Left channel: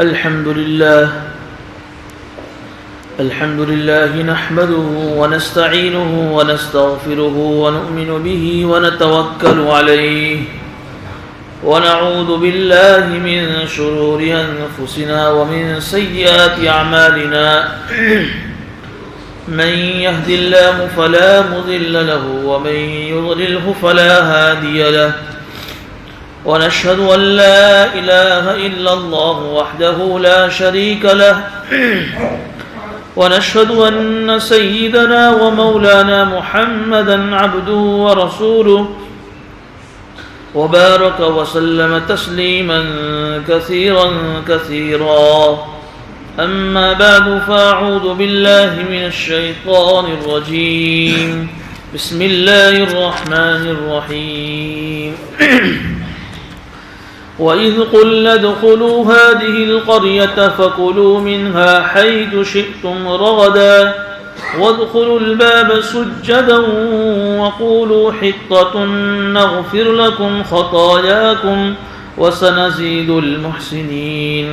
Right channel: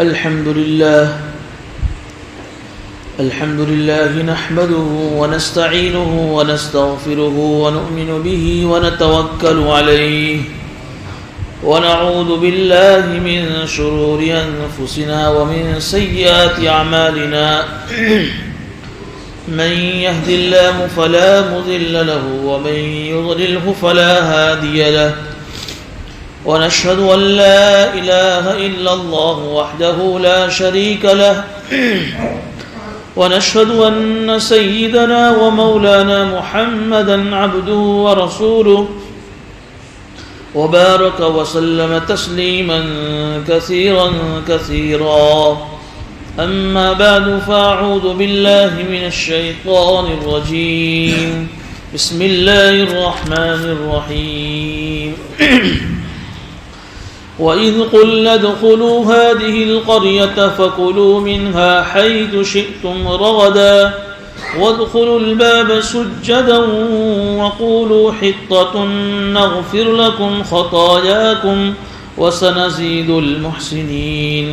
الحمد لله نحمده ونستعينه ونستغفره ونؤمن به ونتوكل عليه ونعوذ بالله من شرور أنفسنا ومن سيئات أعمالنا من يهد الله فلا مضل له ومن يضلله فلا هادي له ونشهد أن لا إله إلا الله وحده لا شريك له ونشهد أن سيدنا ومولانا محمدا عبده ورسوله وبارك وسلم تسليما كثيرا كثيرا أما بعد فأعوذ بالله من الشيطان الرجيم بسم الله الرحمن الرحيم وَإِذْ قُلْنَا ادْخُلُوا هَٰذِهِ الْقَرْيَةَ فَكُلُوا مِنْهَا حَيْثُ شِئْتُمْ رَغَدًا وَادْخُلُوا الْبَابَ سُجَّدًا وَقُولُوا حِطَّةٌ نَغْفِرْ لَكُمْ خَطَايَاكُمْ وَسَنَزِيدُ الْمُحْسِنِينَ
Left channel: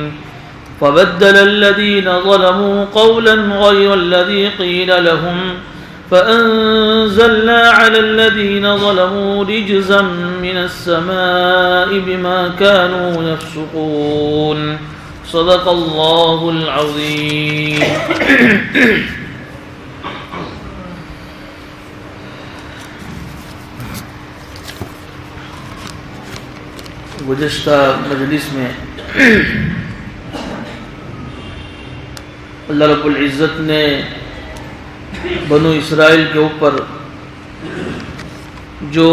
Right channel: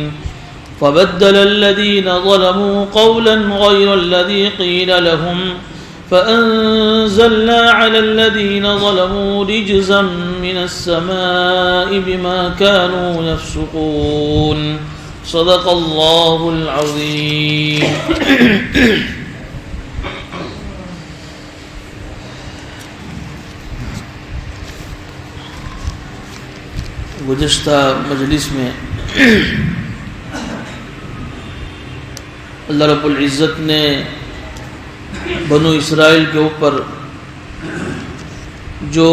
فَبَدَّلَ الَّذِينَ ظَلَمُوا قَوْلًا غَيْرَ الَّذِي قِيلَ لَهُمْ فَأَنزَلْنَا عَلَى الَّذِينَ ظَلَمُوا رِجْزًا مِّنَ السَّمَاءِ بِمَا كَانُوا يَفْسُقُونَ صدق اللہ العظیم۔ گزشتہ مجلس میں اللہ رب العزت نے بنو اسرائیل کے اوپر جو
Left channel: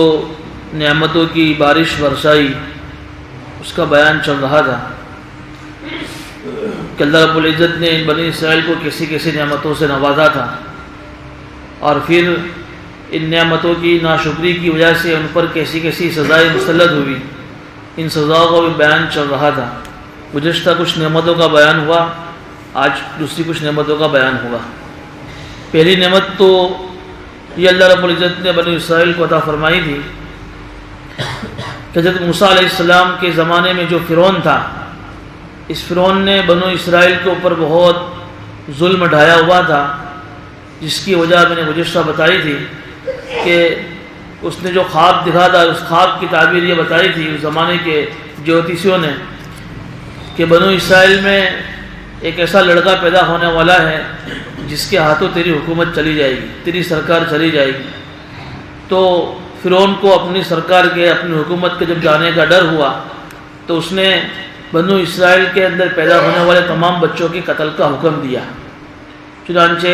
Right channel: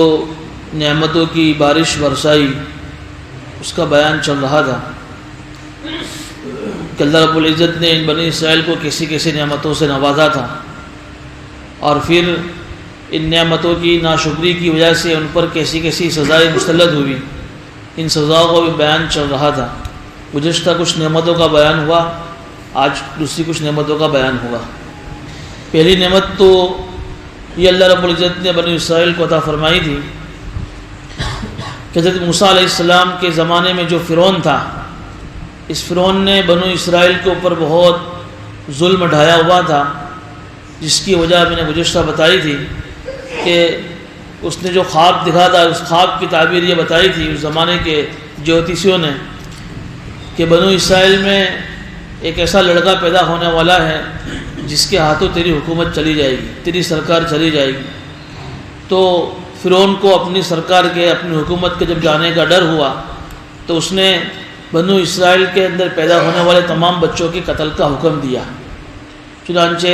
نعمتوں کی بارش برسائی اس کا بیان چل رہا تھا کہ اللہ رب العزت نے ان بنی اسرائیل کو کیسی کیسی نعمتوں سے نوازا تھا اور پھر ان نعمتوں کی ناشکری کی وجہ سے ان پر کیسی کیسی سزائیں مسلط ہوئی، ان سزاؤں کا بھی بیان چل رہا تھا۔ گزشتہ کچھ نعمتوں کا بیان ہوا، آج دوسری کچھ نعمتوں کا بیان ہوگا۔ پہلی نعمت تو یہ اللہ رب العزت نے بنی اسرائیل کو عطا فرمائی تھی کہ حضرت موسیٰ علیہ السلام کے زمانے میں جو فرعون تھا، اس فرعون نے بنو اسرائیل کے اوپر بہت ظلم ڈھایا ہوا تھا، جس کی وجہ میں نے گزشتہ بتائی تھی کہ اس نے جو خواب دکھا تھا، اس خواب کی تعبیر یہ بتائی تھی اس زمانے کے جوتیشیوں نے کہ بنو اسرائیل میں ایک ایسا لڑکا پیدا ہونے والا ہے جس کے ہاتھوں تیری حکومت چلی جائے گی، تیری سرکار چلی جائے گی۔ تو فرعون کو اپنی سرکار کے، اپنی حکومت کے جب جانے کا ڈر ہوا تو اس نے بنو اسرائیل کے اندر پیدا ہونے والے تمام بچوں کے قتل کا حکم دیا۔ چنانچہ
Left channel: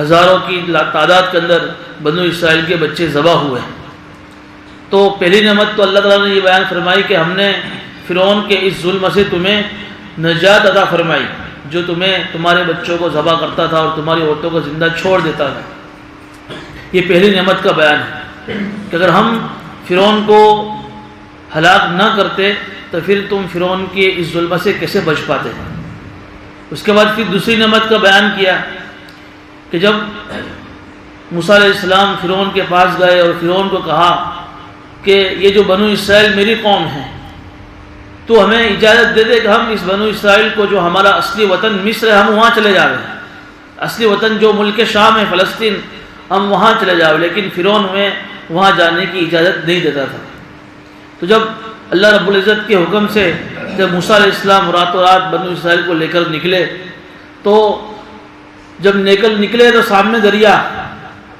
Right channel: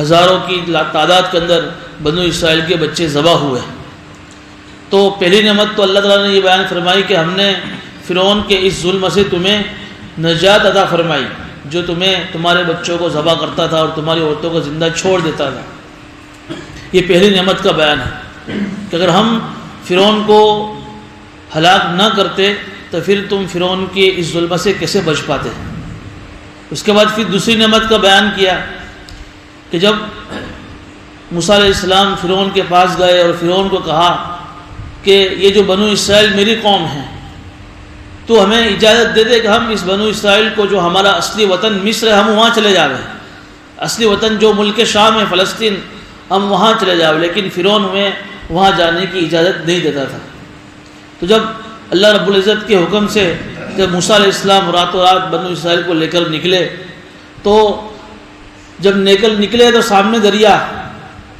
ہزاروں کی تعداد کے اندر بنو اسرائیل کے بچے ذبح ہوئے۔ تو پہلی نعمت تو اللہ تعالیٰ نے یہ بیان فرمائی کہ ہم نے فرعون کے اس ظلم سے تمہیں نجات عطا فرمائی، جو تمہارے بچوں کو ذبح کرتا تھا اور تمہاری عورتوں کو زندہ چھوڑ دیتا تھا۔ یہ پہلی نعمت کا بیان ہے کہ اگر ہم فرعون کو ہلاک نہ کرتے تو پھر تم فرعون کے اس ظلم سے کیسے بچ پاتے۔ اس کے بعد پھر دوسری نعمت کا بیان کیا کہ جب موسیٰ علیہ السلام فرعون کے پاس گئے اور فرعون کو کہا کہ یہ جو بنو اسرائیل میری قوم ہے، تو ہمیں اجازت دے دے کہ ہم اس بنو اسرائیل کو، جو ہمارا اصلی وطن مصر ہے، ہم وہاں چلے جاویں، اصلی وطن جو ملک شام ہے فلسطین، ہم وہاں چلے جاویں۔ لیکن فرعون ہمیں وہاں جانے کی اجازت نہیں دیتا تھا۔ تو جب اللہ رب العزت کے حکم سے جب موسیٰ علیہ السلام راتوں رات بنو اسرائیل کو لے کر نکلے، تو جب نکلے تو سامنے دریا،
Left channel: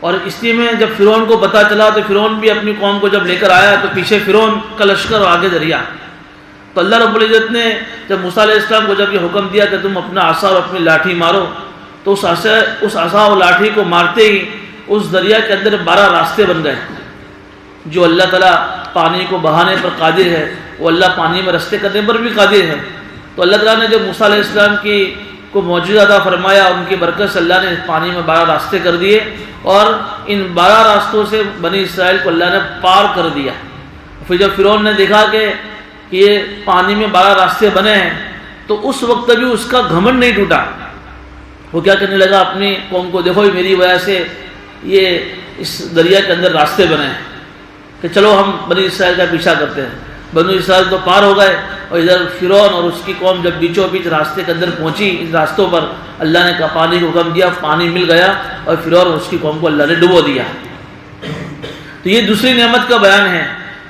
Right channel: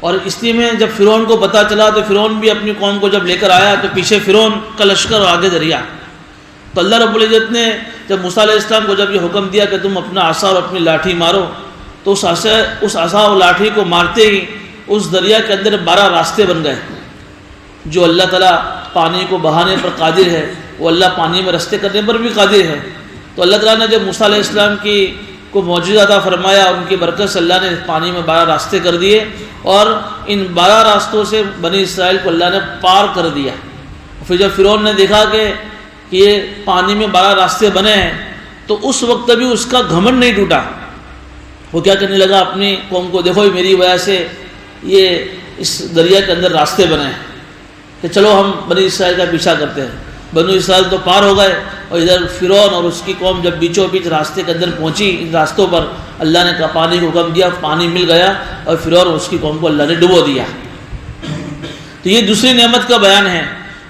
اور اس لیے میں جب فرعون کو پتہ چلا تو فرعون بھی اپنی قوم کو جب لے کر آیا تو پیچھے فرعون کا لشکر اور آگے دریا۔ تو اللہ رب العزت نے جب موسیٰ علیہ السلام کو جب یہ حکم دیا کہ تم اپنا عصا اور اپنی لاٹھی مارو، تو اس عصا اور لاٹھی کو مارتے ہی اس دریا کے اندر 12 راستے بن گئے۔ جو اللہ تعالیٰ پانی کو بہانے پر قادر ہے، وہ اللہ پانی میں راستے کرنے پر بھی قادر ہے۔ تو اللہ تعالیٰ نے جب موسیٰ علیہ السلام کو معجزہ عطا فرمایا، اور ان کی برکت سے اللہ نے پانی میں 12 راستے کر دیے، اور ان 12 راستوں سے بنی اسرائیل کو اللہ نے پار کر دیا۔ پھر جب فرعون نے دیکھا کہ یہ پانی میں 12 راستے بنے ہیں، تو اس وقت بھی اس کا گھمنڈ نہیں ٹوٹا۔ وہ کیا کرنے لگا اپنی قوم کو، دیکھو میری وجہ سے یہ اس دریا کے اندر راستے بنے ہیں، کہ چلو ہم بنی اسرائیل کا پیچھا کرتے ہیں۔ بنو اسرائیل تو پار ہو گئے، اور ادھر فرعون اور اس کی قوم جب بیچوں بیچ راستے کے اندر پہنچی، ان راستوں پر اللہ نے کہا پانی کو حکم دیا، پانی مل گیا اور فرعون اور اس کی قوم کو اللہ نے ڈبو دیا۔ تو یہ دوسری نعمت کا بیان ہے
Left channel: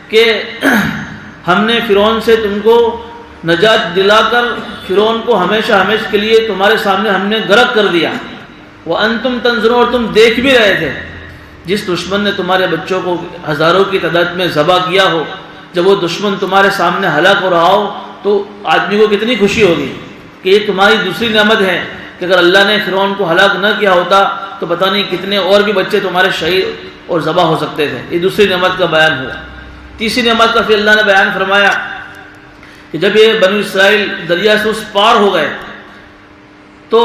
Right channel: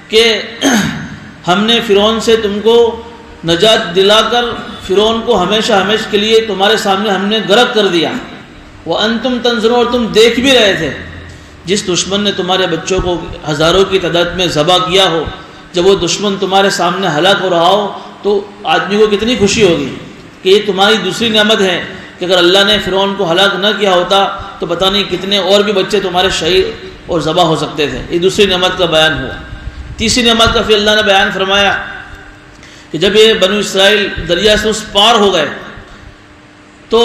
کہ ہم نے فرعون سے تم کو نجات دلا کر فرعون کو ہمیشہ ہمیشہ کے لیے تمہارے سامنے ہم نے غرق کر دیا۔ وَأَنْتُمْ تَنظُرُونَ، اور تم دیکھ بھی رہے تھے۔ جس دشمن نے تمہارے بچوں کو ہزاروں کی تعداد میں ذبح کیا ہو، جب وہ دشمن تمہارے سامنے ہلاک ہو رہا ہو تو آدمی کو کتنی خوشی ہوگی کہ یہ تمہاری دوسری نعمت ہے کہ اگر اللہ نے فرعون کو ہلاک نہ کیا ہوتا تو پتہ نہیں کتنے اور بھی بچے تمہارے شہید اور ذبح ہو سکتے تھے۔ یہ دوسری نعمت کا بیان ہوا۔ تیسری نعمت کا پھر اللہ نے بیان فرمایا کہ جب یہ بنو اسرائیل دریا سے اس پار ہو گئے تو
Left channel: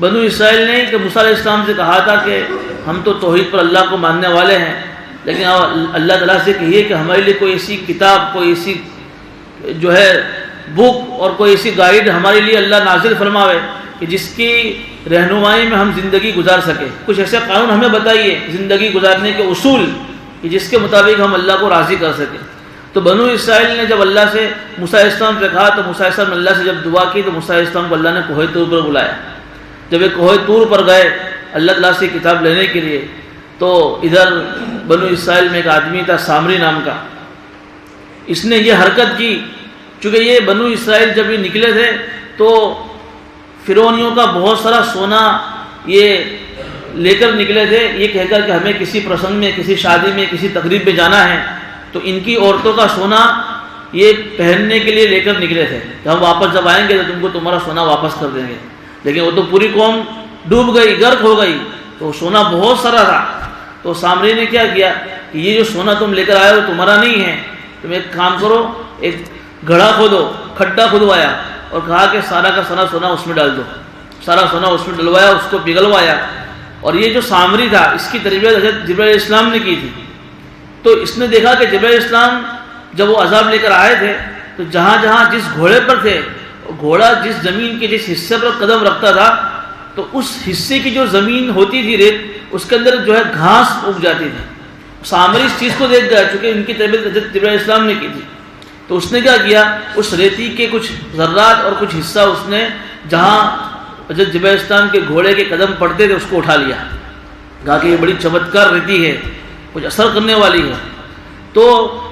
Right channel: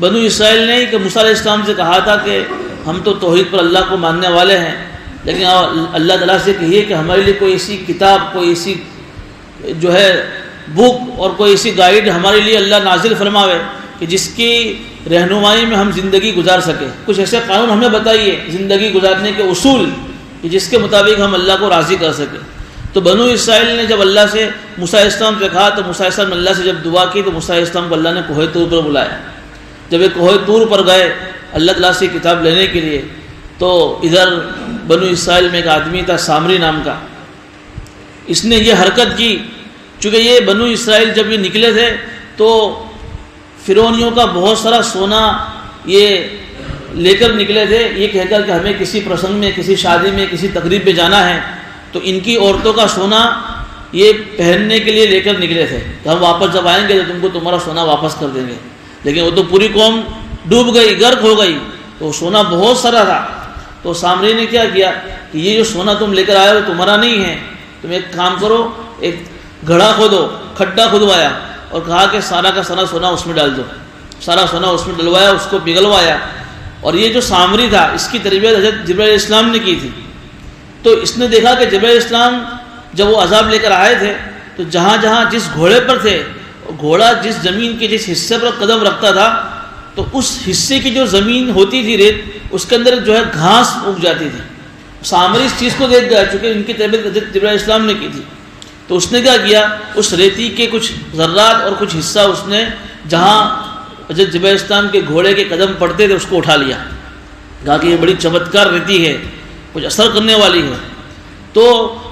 بنو اسرائیل نے کہ موسیٰ علیہ السلام سے کہا تھا کہ ہم تو توحید پر اللہ کو ماننے والے ہیں، لیکن اللہ تعالیٰ سے کہیے کہ ہمارے لیے کوئی ایسی کتاب، کوئی ایسی جو ہے بک اور کوئی ایسی گائیڈ ہمارے لیے اللہ نازل فرماوے کہ جس کی رہنمائی میں ہم زندگی گزار سکیں۔ کچھ ایسے قانون ہمیں بتائیے زندگی گزارنے کے اصول کہ جس کے مطابق ہم اللہ کو راضی کر سکیں۔ تو بنو اسرائیل نے جب اللہ سے موسیٰ علیہ السلام سے کہا تو موسیٰ علیہ السلام نے اللہ سے جب دعا کی تو موسیٰ علیہ السلام کو اللہ نے کوہ طور پر بلایا۔ جب یہ کوہ طور پر گئے اللہ تعالیٰ سے کتاب لینے کے لیے تو ادھر بنو اسرائیل میں ایک آدمی تھا سامری نام کا، اس نے یہ حرکت کی، چونکہ یہ بنو اسرائیل جب یہ نکلے تھے تو فرعونیوں کا بہت سارا سونا یہ لے کر نکلے تھے، یہ کہہ کر کہ ہمیں کسی پرسنگ میں، کسی شادی میں، کسی تقریب میں جانا ہے، تو ان کی عورتوں کا سونا یہ پہننے کے لیے لے کر نکلے تھے کہ ہم واپس جب آئیں گے تو تم کو تمہارا سونا واپس کر دیں گے۔ لیکن وہ تو پوری قوم ڈوب گئی، غرق ہو گئی، تو سونا بہت سارا تھا۔ تو سامری نے کیا کیا کہ یہ جو سونا تم لے کر آئے ہو تمہارا نہیں ہے، تم ایک کام کرو، ایک گڑھا کھودو، کھڈا کھدوایا اور کہا کہ سارا کا سارا سونا اس میں ڈال دو۔ سارا سونا اس میں ڈلوایا، اس کو پگھلوایا، اور یہ جو سامری تھا اس کی تربیت حضرت جبرائیل علیہ السلام نے کی تھی۔ تو اس نے دیکھا کہ جبرائیل علیہ السلام جب وہ عذاب لے کر آئے تھے تو جہاں جہاں جس گھوڑے پر تھے، گھوڑا جس زمین کے جس حصے پر قدم رکھتا تھا تو اس حصے کی جو زمین ہوتی تھی ریت، اس کے اندر جو ہے گھاس اگ جاتی تھی۔ سامری اس چیز کو دیکھ گیا چونکہ ان کی تربیت حضرت جبرائیل علیہ السلام نے کی تھی، تو اس نے کیا کیا، اس ریتی کے کچھ ذرات اور کچھ حصہ اس نے جہاں حضرت جبرائیل علیہ السلام کے گھوڑے کے قدم پڑتے تھے اس کو اٹھا لیا، کہا کہ یہ بڑی چمتکار ریتی ہے، کچھ اثر کرنے والی ہے۔ تو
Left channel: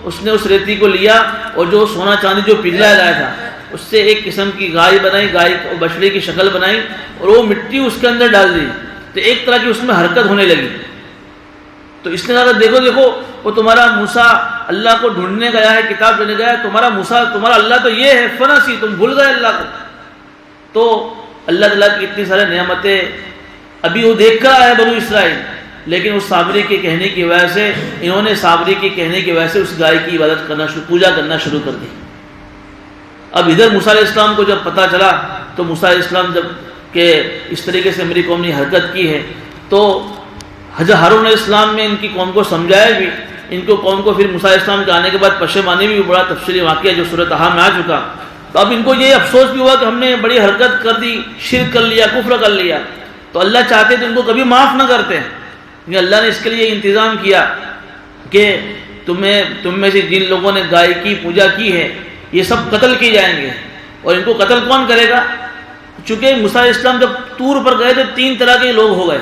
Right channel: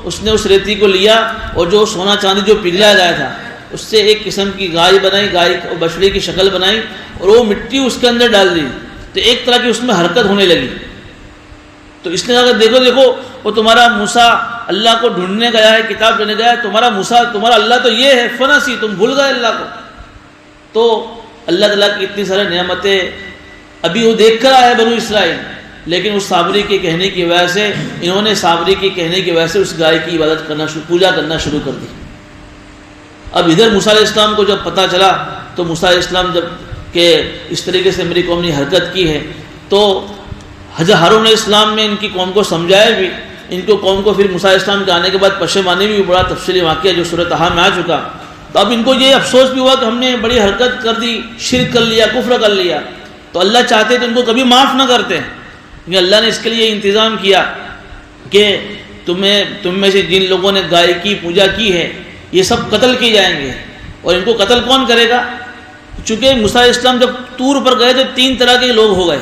اس نے اس ریتی کو لیا اور جو سونا چاندی جو پگھلایا گیا تھا اس سے ایک قسم کی گائے بنائی، گائے اور بچڑے کی شکل بنائی اور وہ مٹی اس کے اندر ڈال دی، تو ایک طرح کی اس میں حرکت ہونے لگی۔ تو اس نے کہا دیکھو دیکھو وہ تمہارا موسیٰ اللہ کو ڈھونڈنے گیا ہے، کتاب لینے گیا ہے، تمہارا موسیٰ تمہارا اللہ تو یہ ہے، فنسی، تم بھول گئے اللہ کو۔ تو اللہ تعالیٰ کی اتنی سارے نعمتیں ابھی وہ دیکھ کر آئے بنو اسرائیل، لیکن اس سامری کے کہنے کی وجہ سے انہوں نے سامری کے کہنے کی وجہ سے اس گائے کی عبادت کرنا پوجا کرنا شروع کر دی۔ اب ادھر موسیٰ علیہ السلام کو جب پتہ چلا تو موسیٰ علیہ السلام جب کہ اس طریقے سے میری قوم نے حرکت کی ہے تو حضرت ہارون علیہ السلام نے ان کی قوم کو سمجھایا بھی، ان کو قوم کو پھر موسیٰ علیہ السلام کے آنے کے بعد پشیمانی بھی، بڑا تفصیلی واقعہ جو سورۃ طٰہٰ میں آ چکا۔ تو اب ان کو یہ افسوس بھی ہوا کہ ہم نے بڑی حرکت کر دی، شرک کر لیا، کفر کر لیا، تو اللہ چاہتے تو ان کو کبھی معاف نہ کرتے، لیکن اللہ نے اس کے لیے انتظام کیا کہ تم میں سے جن لوگوں نے گائے کی پوجا کی ہے یہ سب قتل کیے جائیں گے۔ اور ان کو قتل کون کرے گا؟ چونکہ موسیٰ علیہ السلام جب طور پر گئے تو 3 طرح کے لوگ ہو گئے۔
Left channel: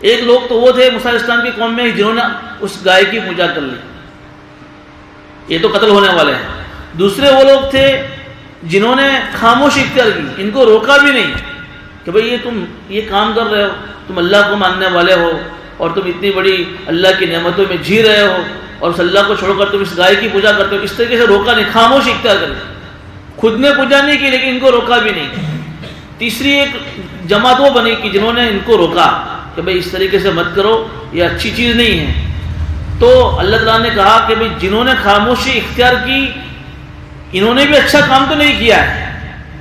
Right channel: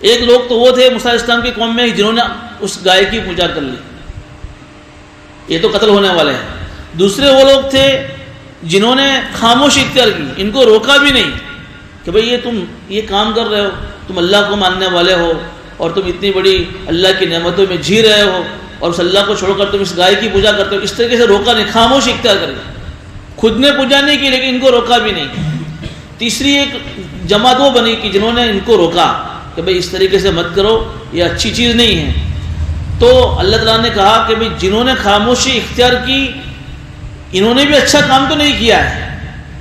ایک لوگ تو وہ تھے موسیٰ علیہ السلام کی قوم میں جنہوں نے اس گائے کی پوجا کر لی، یہ تو قتل ہونے والے ہیں۔ دوسرے وہ لوگ تھے جنہوں نے خاموشی اختیار کی، ان کو روکا بھی نہیں کہ بھئی یہ تم یہ کام کر رہے ہو، تم اللہ کو ماننے والے ہو اور تم اتنی بڑی اللہ کی نعمتوں میں جی رہے ہو اور اس اللہ کو چھوڑ کر تم اس گائے کی پوجا کرتے ہو۔ اس طریقے سے روکا نہیں، خاموشی اختیار کر لی، خود نے پوجا نہیں کی لیکن ان کو روکا بھی نہیں۔ تیسری ایک جماعت وہ بنی کہ جنہوں نے ان کو روکا کہ بھئی اس طریقے سے مت کرو، یہ اچھی چیز نہیں ہے۔ تو اللہ تعالیٰ نے کہا کہ بھئی جنہوں نے خاموشی اختیار کی انہوں نے بھی اچھا کام تو نہیں کیا ہے،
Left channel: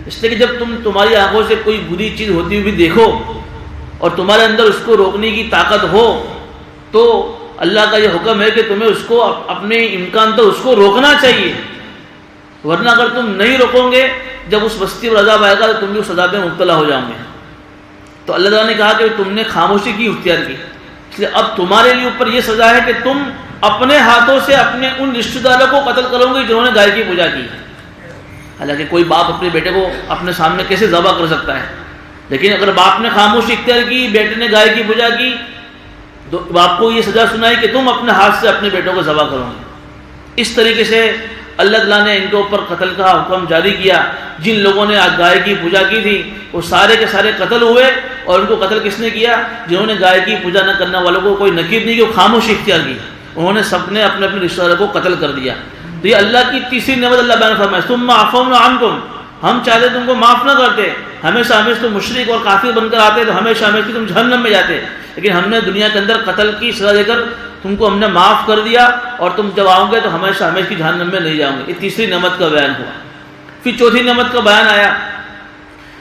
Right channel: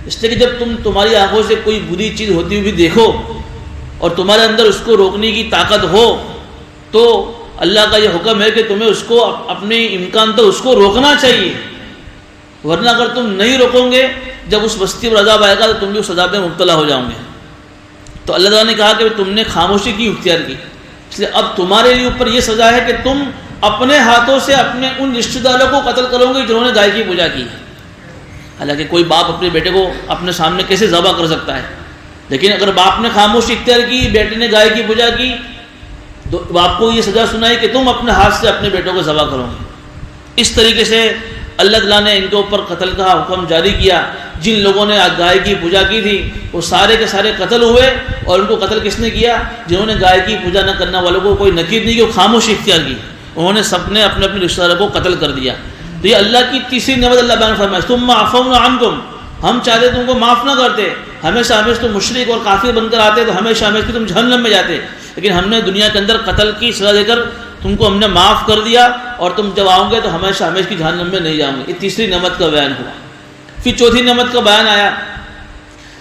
اس لیے کہ جب تمہاری آنکھوں سے کوئی بری چیز ہوتی ہوئی بھی دیکھو اور تمہارے اندر اس کو روکنے کی طاقت ہو تو اللہ کا یہ حکم ہے کہ تمہیں اس کو اپنے امکان تک اس کو روکنا چاہیے، ورنہ اگر تم نہیں روکو گے جب اس بستی پر عذاب آئے گا تو تم بھی اس عذاب میں مبتلا ہو جاؤ گے۔ تو اللہ تعالیٰ نے کہا کہ تم نے خاموشی کی اختیار کی، اس لیے اب تمہارے لیے اوپر یہ سزا ہے کہ تم اپنے ہاتھوں سے اپنے ان رشتہ داروں کو قتل کرو گے جنہوں نے گائے کی پوجا کی۔ حالانکہ کوئی باپ اپنے بیٹے کو اپنے سامنے کیسے ذبح کر سکتا ہے، لیکن اگر باپ نے خاموشی اختیار کی، بیٹے نے گائے کی پوجا کی، تو باپ کو یہ سزا سنائی کہ تم اپنے ہاتھ سے اپنے بیٹوں کو ذبح کرو گے۔ اس طریقے سے اللہ تعالیٰ نے ان کے اوپر قتل کا حکم جاری کیا۔ جن لوگوں نے گائے کی پوجا کی تھی وہ سارے کے سارے قتل ہوئے، اور ان کو قتل کس نے کیا؟ جنہوں نے گائے کی پوجا نہ کرنے والوں کو کوئی نکیر نہیں کی، وہ خاموشی اختیار کی، انہوں نے سب نے اپنے اپنے رشتہ داروں کو قتل کر دیا۔ تو یہ اللہ کی تیسری نعمت اللہ بیان فرمایا، ثم عفونا عنکم، ہم چاہتے تم کو معاف نہ کرتے، ہمیشہ تم مشرک اور کافر بن کر آتے تو ہمیشہ تم جہنم میں جاتے، لیکن ہم نے دنیا کے اندر قتل کی سزا دے کر تم کو ہم نے معاف کر دیا، اور تم جب آؤ گے تو ہمیشہ کی جہنم میں نہیں جاؤ گے۔ یہ تیسری نعمت کا بیان ہوا۔ پھر چوتھی نعمت کا بیان آیا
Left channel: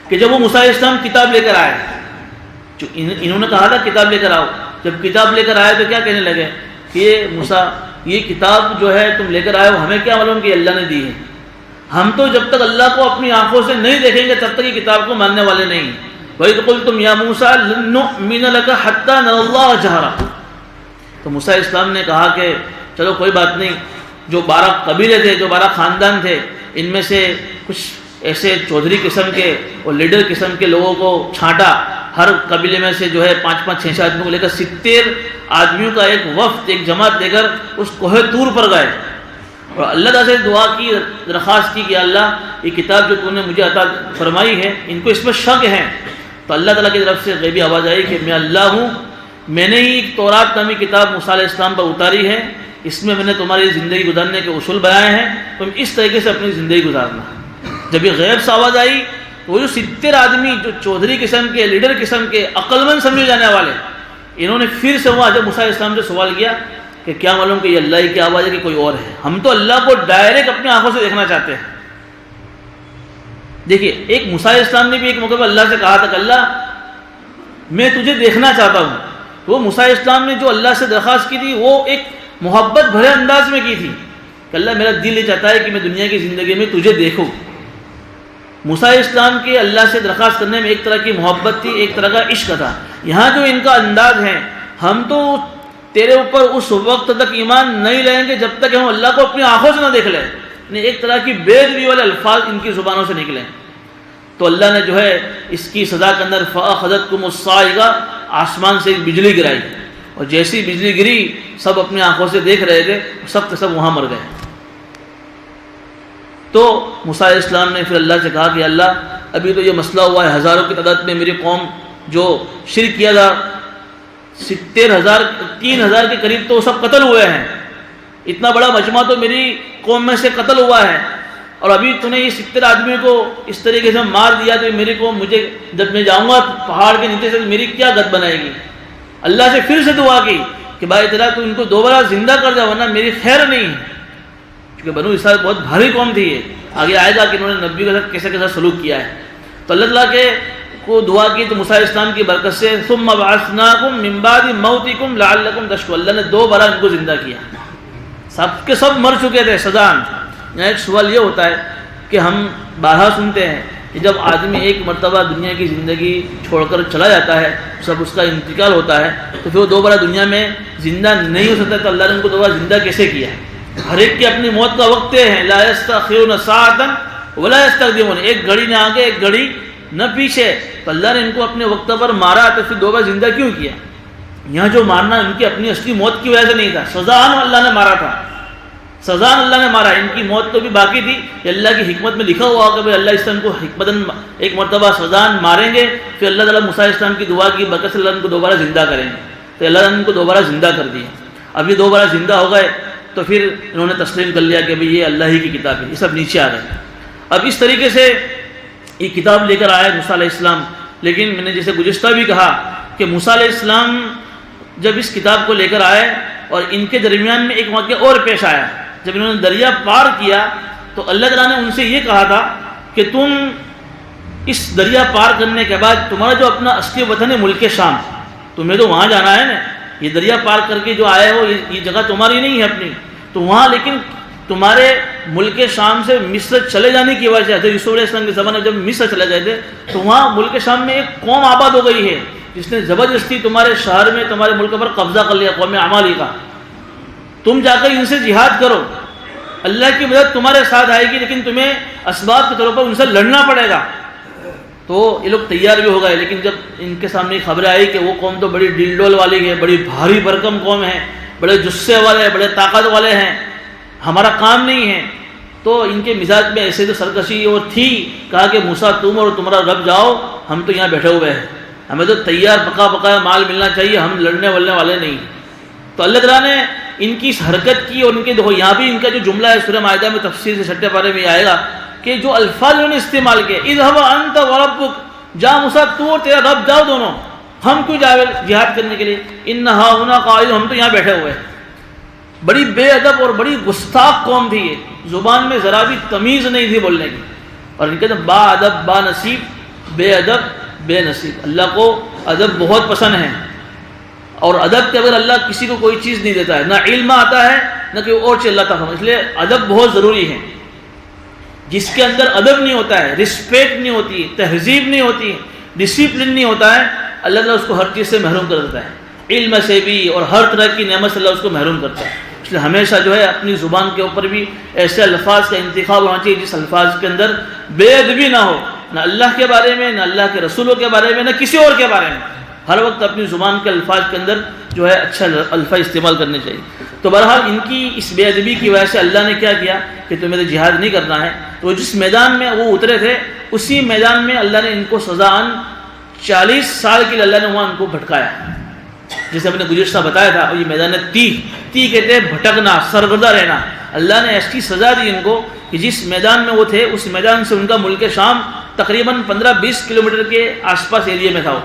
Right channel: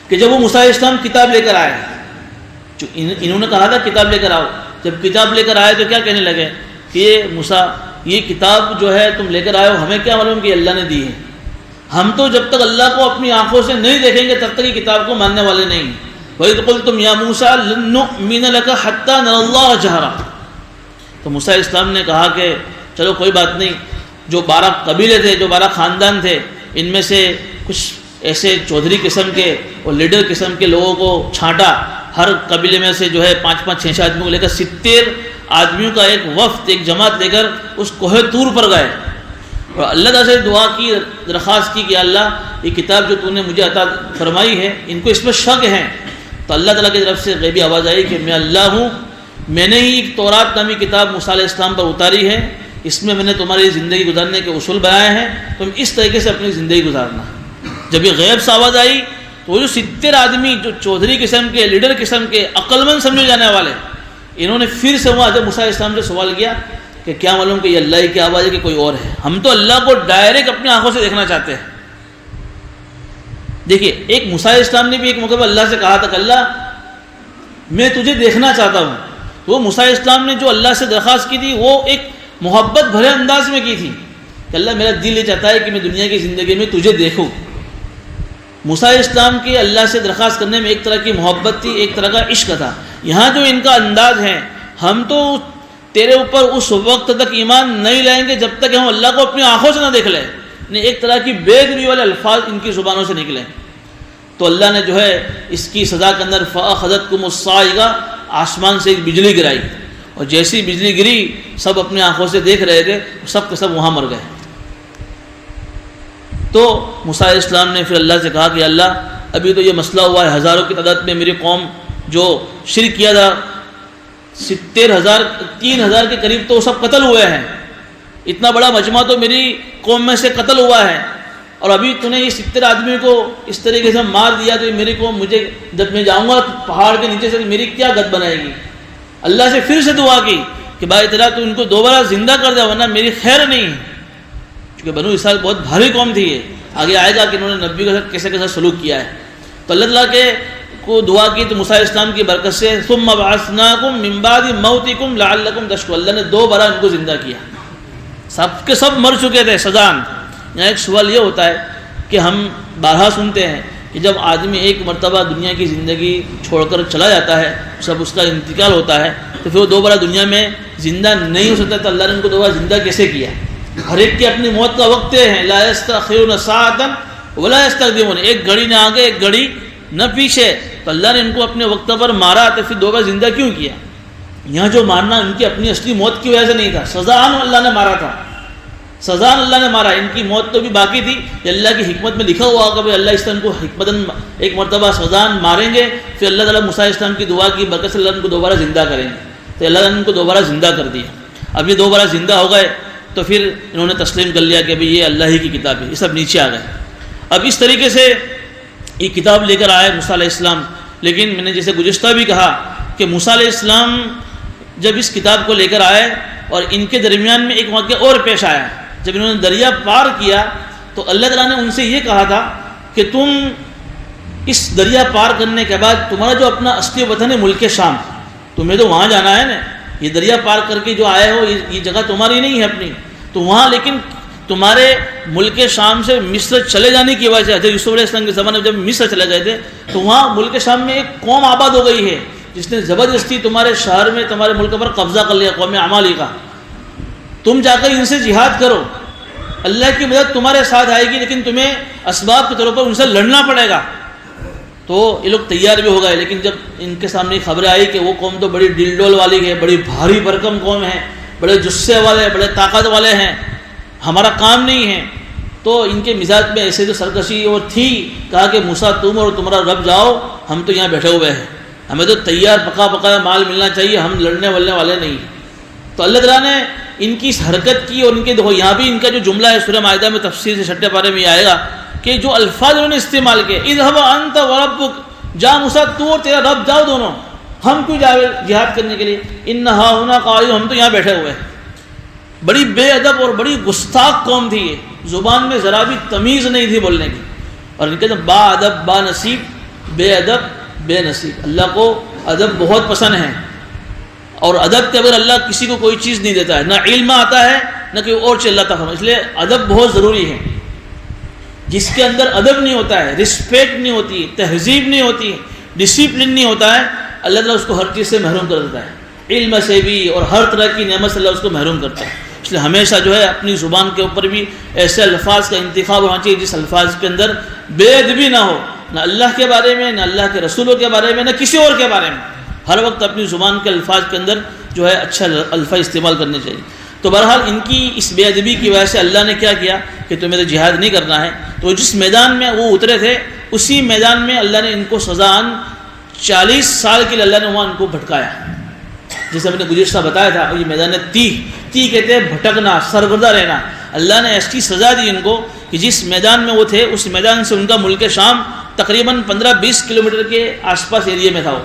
کہ جب وہ موسیٰ علیہ السلام کتاب لے کر آئے، جو انہوں نے کہا تھا کتاب لے کر آؤ، جب کتاب لے کر آئے تو کیا کہنے لگے کہ یہ موسیٰ، یہ کتاب جو ہے تم لے کر آئے ہو، ہمیں کیا معلوم کہ اللہ نے دی ہے، ہم تو جب تک اللہ کو اپنی آنکھوں سے نہیں دیکھیں گے تب تک یہ کتاب کو ماننے والے نہیں۔ وَإِذْ قُلْتُمْ يَا مُوسَىٰ لَن نُّؤْمِنَ لَكَ حَتَّىٰ نَرَى اللَّهَ جَهْرًا، تو موسیٰ علیہ السلام نے کہا کہ چلو کوئی بات نہیں، جو 12 قبیلے تھے، جو 12 خاندان تھے، ان میں سے کچھ ایسے چودھری قسم کے اور لیڈر قسم کے لوگوں کو چھانٹا، ہر قبیلے میں سے جو ہے 5-5 6-6 آدمیوں کو لے کر 70 آدمیوں کا ایک وفد، ایک جماعت لے کر اس کوہ طور پر گئے، اور اللہ تعالیٰ سے دعا کی، درخواست کی کہ اللہ یہ کتاب جو تو نے مجھے عطا فرمائی ہے، ان کو اس میں شک ہے۔ تو اللہ تعالیٰ کی طرف سے غیبی آواز آئی کہ میں اللہ ہوں، میں نے ہی ایک تورات نامی کتاب موسیٰ علیہ السلام پر اتاری ہے، اس میں نے تمہاری زندگی گزارنے کے اصول بیان ہیں، تم اس طریقے سے اپنی زندگی گزارنا۔ جب یہ غیب سے آواز آئی تو وہ جو 70 آدمی، جو چودھری قسم کے، لیڈر قسم کے، عقل مند سمجھے جانے والے، انہوں نے پھر سے وہاں جب موسیٰ علیہ السلام سے سوال کیا کہ کیا معلوم کہ یہ اللہ ہی کی آواز ہے کہ کوئی اور ہے، ہم تو اللہ کو ڈائریکٹ اپنی آنکھوں سے دیکھنا چاہتے ہیں۔ دیکھیے، ایک موسیٰ علیہ السلام نے بھی ایک موقع پر اللہ سے کہا تھا کہ اللہ میں تجھے دیکھنا چاہتا ہوں، تو وہ موسیٰ علیہ السلام نے جو اللہ سے درخواست کی تھی وہ ایک محبت بھرے انداز میں کی تھی کہ اللہ میرا دل یہ چاہتا ہے کہ میں دنیا کی زندگی میں تجھے دیکھوں۔ موسیٰ علیہ السلام کے اللہ سے درخواست کرنے میں ایک طرح کی محبت تھی، ایک طرح کا عشق تھا۔ یہاں جو ان کا انداز ہے، ہم تو تیرے اوپر اس وقت تک ایمان نہیں لائیں گے جب تک ہم اللہ کو اپنی آنکھوں سے نہ دیکھ لیں، ایک طرح کی بے ادبی والے الفاظ ان کی زبانوں سے نکلیں۔ تو اللہ نے جو ہے اس کی سزا کے اندر فَأَخَذَتْكُمُ الصَّاعِقَةُ، آسمان سے ایک بجلی گرائی، اور جیسی بجلی گری سب اپنی آنکھوں سے دیکھ رہے تھے، سب کے سب وہاں مر گئے۔ تو موسیٰ علیہ السلام نے پھر اللہ سے کہا کہ اللہ ابھی تو یہ مسئلہ ہوا ہے، ہزاروں کی تعداد میں میری قوم جو شرک کیا تھا، 70,000 3,000 کے قریب تو سب قتل ہوئے ہیں، اتنا بڑا مجمع تو میری قوم میں سے قتل ہوا ہے، اور ابھی تو نے یہ 70 آدمیوں کو اس طریقے سے مار دیا، تو میری قوم مجھے جب میں جاؤں گا پہاڑ کے نیچے سے میری کیا گت بنائے گی۔ اللہ سے پھر سے دعا کی کہ بھائی تیرا تو ان کو دوبارہ زندہ کر دے ورنہ میری خیر نہیں ہے، کیونکہ بنو اسرائیل بہت بھاری قوم تھی۔ یہ آگے آئے گا کہ انہوں نے نبی کے ساتھ کیسے کیسا سلوک کیا ہے۔ تو اللہ تعالیٰ کے کو دعا کی تو موسیٰ علیہ السلام کی برکت سے ثم بعثناکم من بعد موتکم لعلکم تشکرون، اللہ نے دوبارہ ان کو زندہ کیا، سب کے سب مر چکے تھے سزان۔ یہاں ایک سوال یہ ہوتا ہے کہ ہم بارہا سنتے ہیں کہ جب آدمی ایک مرتبہ دنیا کی زندگی چھوڑ کر چلا جاتا ہے، جب اس کا انتقال ہوتا ہے تو پھر وہ دوبارہ دنیا میں زندہ نہیں ہو سکتا، تو اللہ نے ان کو دوبارہ زندہ کیسے کیا؟ ہر ایک کی اپنی موت کا وقت ہے، لا یستأخرون ساعۃ ولا یستقدمون، ایک گھڑی نہ آگے ایک گھڑی نہ پیچھے، تو اللہ نے ان کو اپنے وقت پر مارا تو پھر دوبارہ زندہ کیوں کیا؟ یہاں جو مارنا ان کی اپنی اصلی موت کی وجہ سے نہیں تھا، سزان اللہ نے مارا تھا، سزان اللہ نے مارا، ان کی موت تو بھی باقی تھی، اللہ کی حکمت میں لکھا ہوا کہ اللہ اس طرح ان کو حکمتاً ایک مرتبہ سزان ماریں گے، پھر اللہ تعالیٰ موسیٰ علیہ السلام کی دعا کی برکت سے اللہ ان کو دوبارہ زندہ کریں گے، تو اللہ نے ان کو دوبارہ زندہ کر دیا۔ اب یہ دوبارہ زندہ ہو گئے تو پھر انہوں نے تسلیم کر لیا کہ یہ اللہ ہی کی کتاب ہے، یہ سب نیچے آ گئے۔ اب اس طریقے سے یہ کتاب لے کر آئے موسیٰ علیہ السلام، لیکن میں نے جیسے گزشتہ بھی کہا کہ موسیٰ علیہ السلام جب اس کتاب کو لے کر آئے اور ان کے درمیان میں ایک واقعہ اور پیش آیا، جب انہوں نے دریا پار کیا تو اللہ تعالیٰ نے ان سے یہ کہا تھا کہ تم اس دریا پار کرنے کے بعد تمہارا جو اپنا اصلی وطن ہے ملک شام، تمہیں تو وہاں جانا ہے نا، یہ دریا پار کر کے جو آئے ہو یہ جگہ تمہاری نہیں ہے اپنی، تو وہاں لیکن تمہارے ملک شام سے مصر چلے جانے کی وجہ سے حضرت یوسف علیہ السلام کے زمانے میں جب مصر چلے گئے تھے تو وہاں ملک شام میں ایک قوم آباد ہو گئی ہے جس نے زبردستی تمہارے شہر میں تمہارے ملک پر قبضہ کر لیا، قوم عمالیقہ، تم جا کر ان سے جہاد کرو۔ اللہ کی مدد تمہارے ساتھ آئے گی لیکن تمہیں اسباب کے طور پر ان سے لڑنا پڑے گا. تو یہ لوگ تیار بھی ہو گئے. لیکن جب ان کے سامنے خبریں آئی کہ وہ قوم تو بڑی ڈل ڈول والی ہے, بڑی بھاری بھرکم قوم ہے, بڑے جسے والے, بڑے طاقت والے ہیں, ہمارا کام نہیں ہے, تو ان کے مزاج میں ایسے تو سرکشی اور تھی. کہا کہ موسیٰ تم اور تمہارا رب جاؤ, ہم تو یہاں بیٹھے ہوئے ہیں, ہمیں تو تیار پکا پکا مال ملنا چاہیے, ہم لڑنے ولنے والے نہیں. تو اللہ تعالیٰ نے ان کی اس حرکت کی, اور ان کے دیکھو یہاں بھی ان کا جو جملہ ہے سورہ مائدہ میں تفسیر سے 6 پارے میں آئے گا کہ جو الفاظ انہوں نے استعمال کیے, اذهب انت وربک, جا موسیٰ تو اور تیرا رب جاؤ دونوں, ہم کیوں جاؤ جہاد کرنے کے لیے, ان ہاہنا قاعد, ہم تو یہاں بیٹھے ہوئے ہیں. بڑی بے ادب اور بڑی گستاخ قوم تھی یہ, زبان میں ذرا بھی تمیز نہیں تھی بولنے کی. اور ان کے با ادب با نصیب, بے ادب بے نصیب. اللہ کو ادب بہت پسند ہے, اور ادب کے بغیر اللہ کسی کو کوئی چیز نہیں دیتا ہے, نہ علم آتا ہے نہ کوئی اور چیز اللہ تعالیٰ. اس لیے ادب بہت ضروری ہے. جس کے اندر ادب نہیں ہوتا ہے, رسپیکٹ نہیں ہوتی, تہذیب نہیں ہوتی, ڈسپلن نہیں ہوتا ہے, اللہ تعالیٰ اس کو ہر چیز سے محروم کر دیتا ہے, علم سے بھی اور ہر طرح کی نعمت سے اللہ اس کو محروم کرتا ہے. اس لیے ہمیشہ جو ہے اپنی زبان کے اوپر بھی ایسے الفاظ کا انتخاب ہونا چاہیے جس الفاظ کے اندر بے ادبی نہ ہو, نہ اللہ کے بارے میں, نہ اللہ کے رسولوں کے بارے میں, نہ کسی اور کے بارے میں. ہر وقت اپنی زبان کے الفاظ کے اندر جو ہے اچھا الفاظ استعمال کرنے چاہیے. تو بہرحال ان کی اس بے ادبی کی وجہ سے اللہ نے کیا کیا کہ تمہیں تو جہاد نہیں کرنا ہے. تو جس میدان میں وہ اترے تھے اسی میدان میں اللہ نے ان کو سزاً 40 سال کے لیے اللہ نے وہاں ان کو بھٹکایا. جیسے ہم نے گزشتہ بتایا تھا, یہ میدان تی کہتے ہیں بھٹکنا, سرگردہ رہنا. اللہ نے ایسی سزا دی ان کو کہ جس میدان میں وہ تھے اس میدان سے ان کا ملک شام تقریباً 15-20 کلومیٹر کے آس پاس ایریے میں تھا, وہ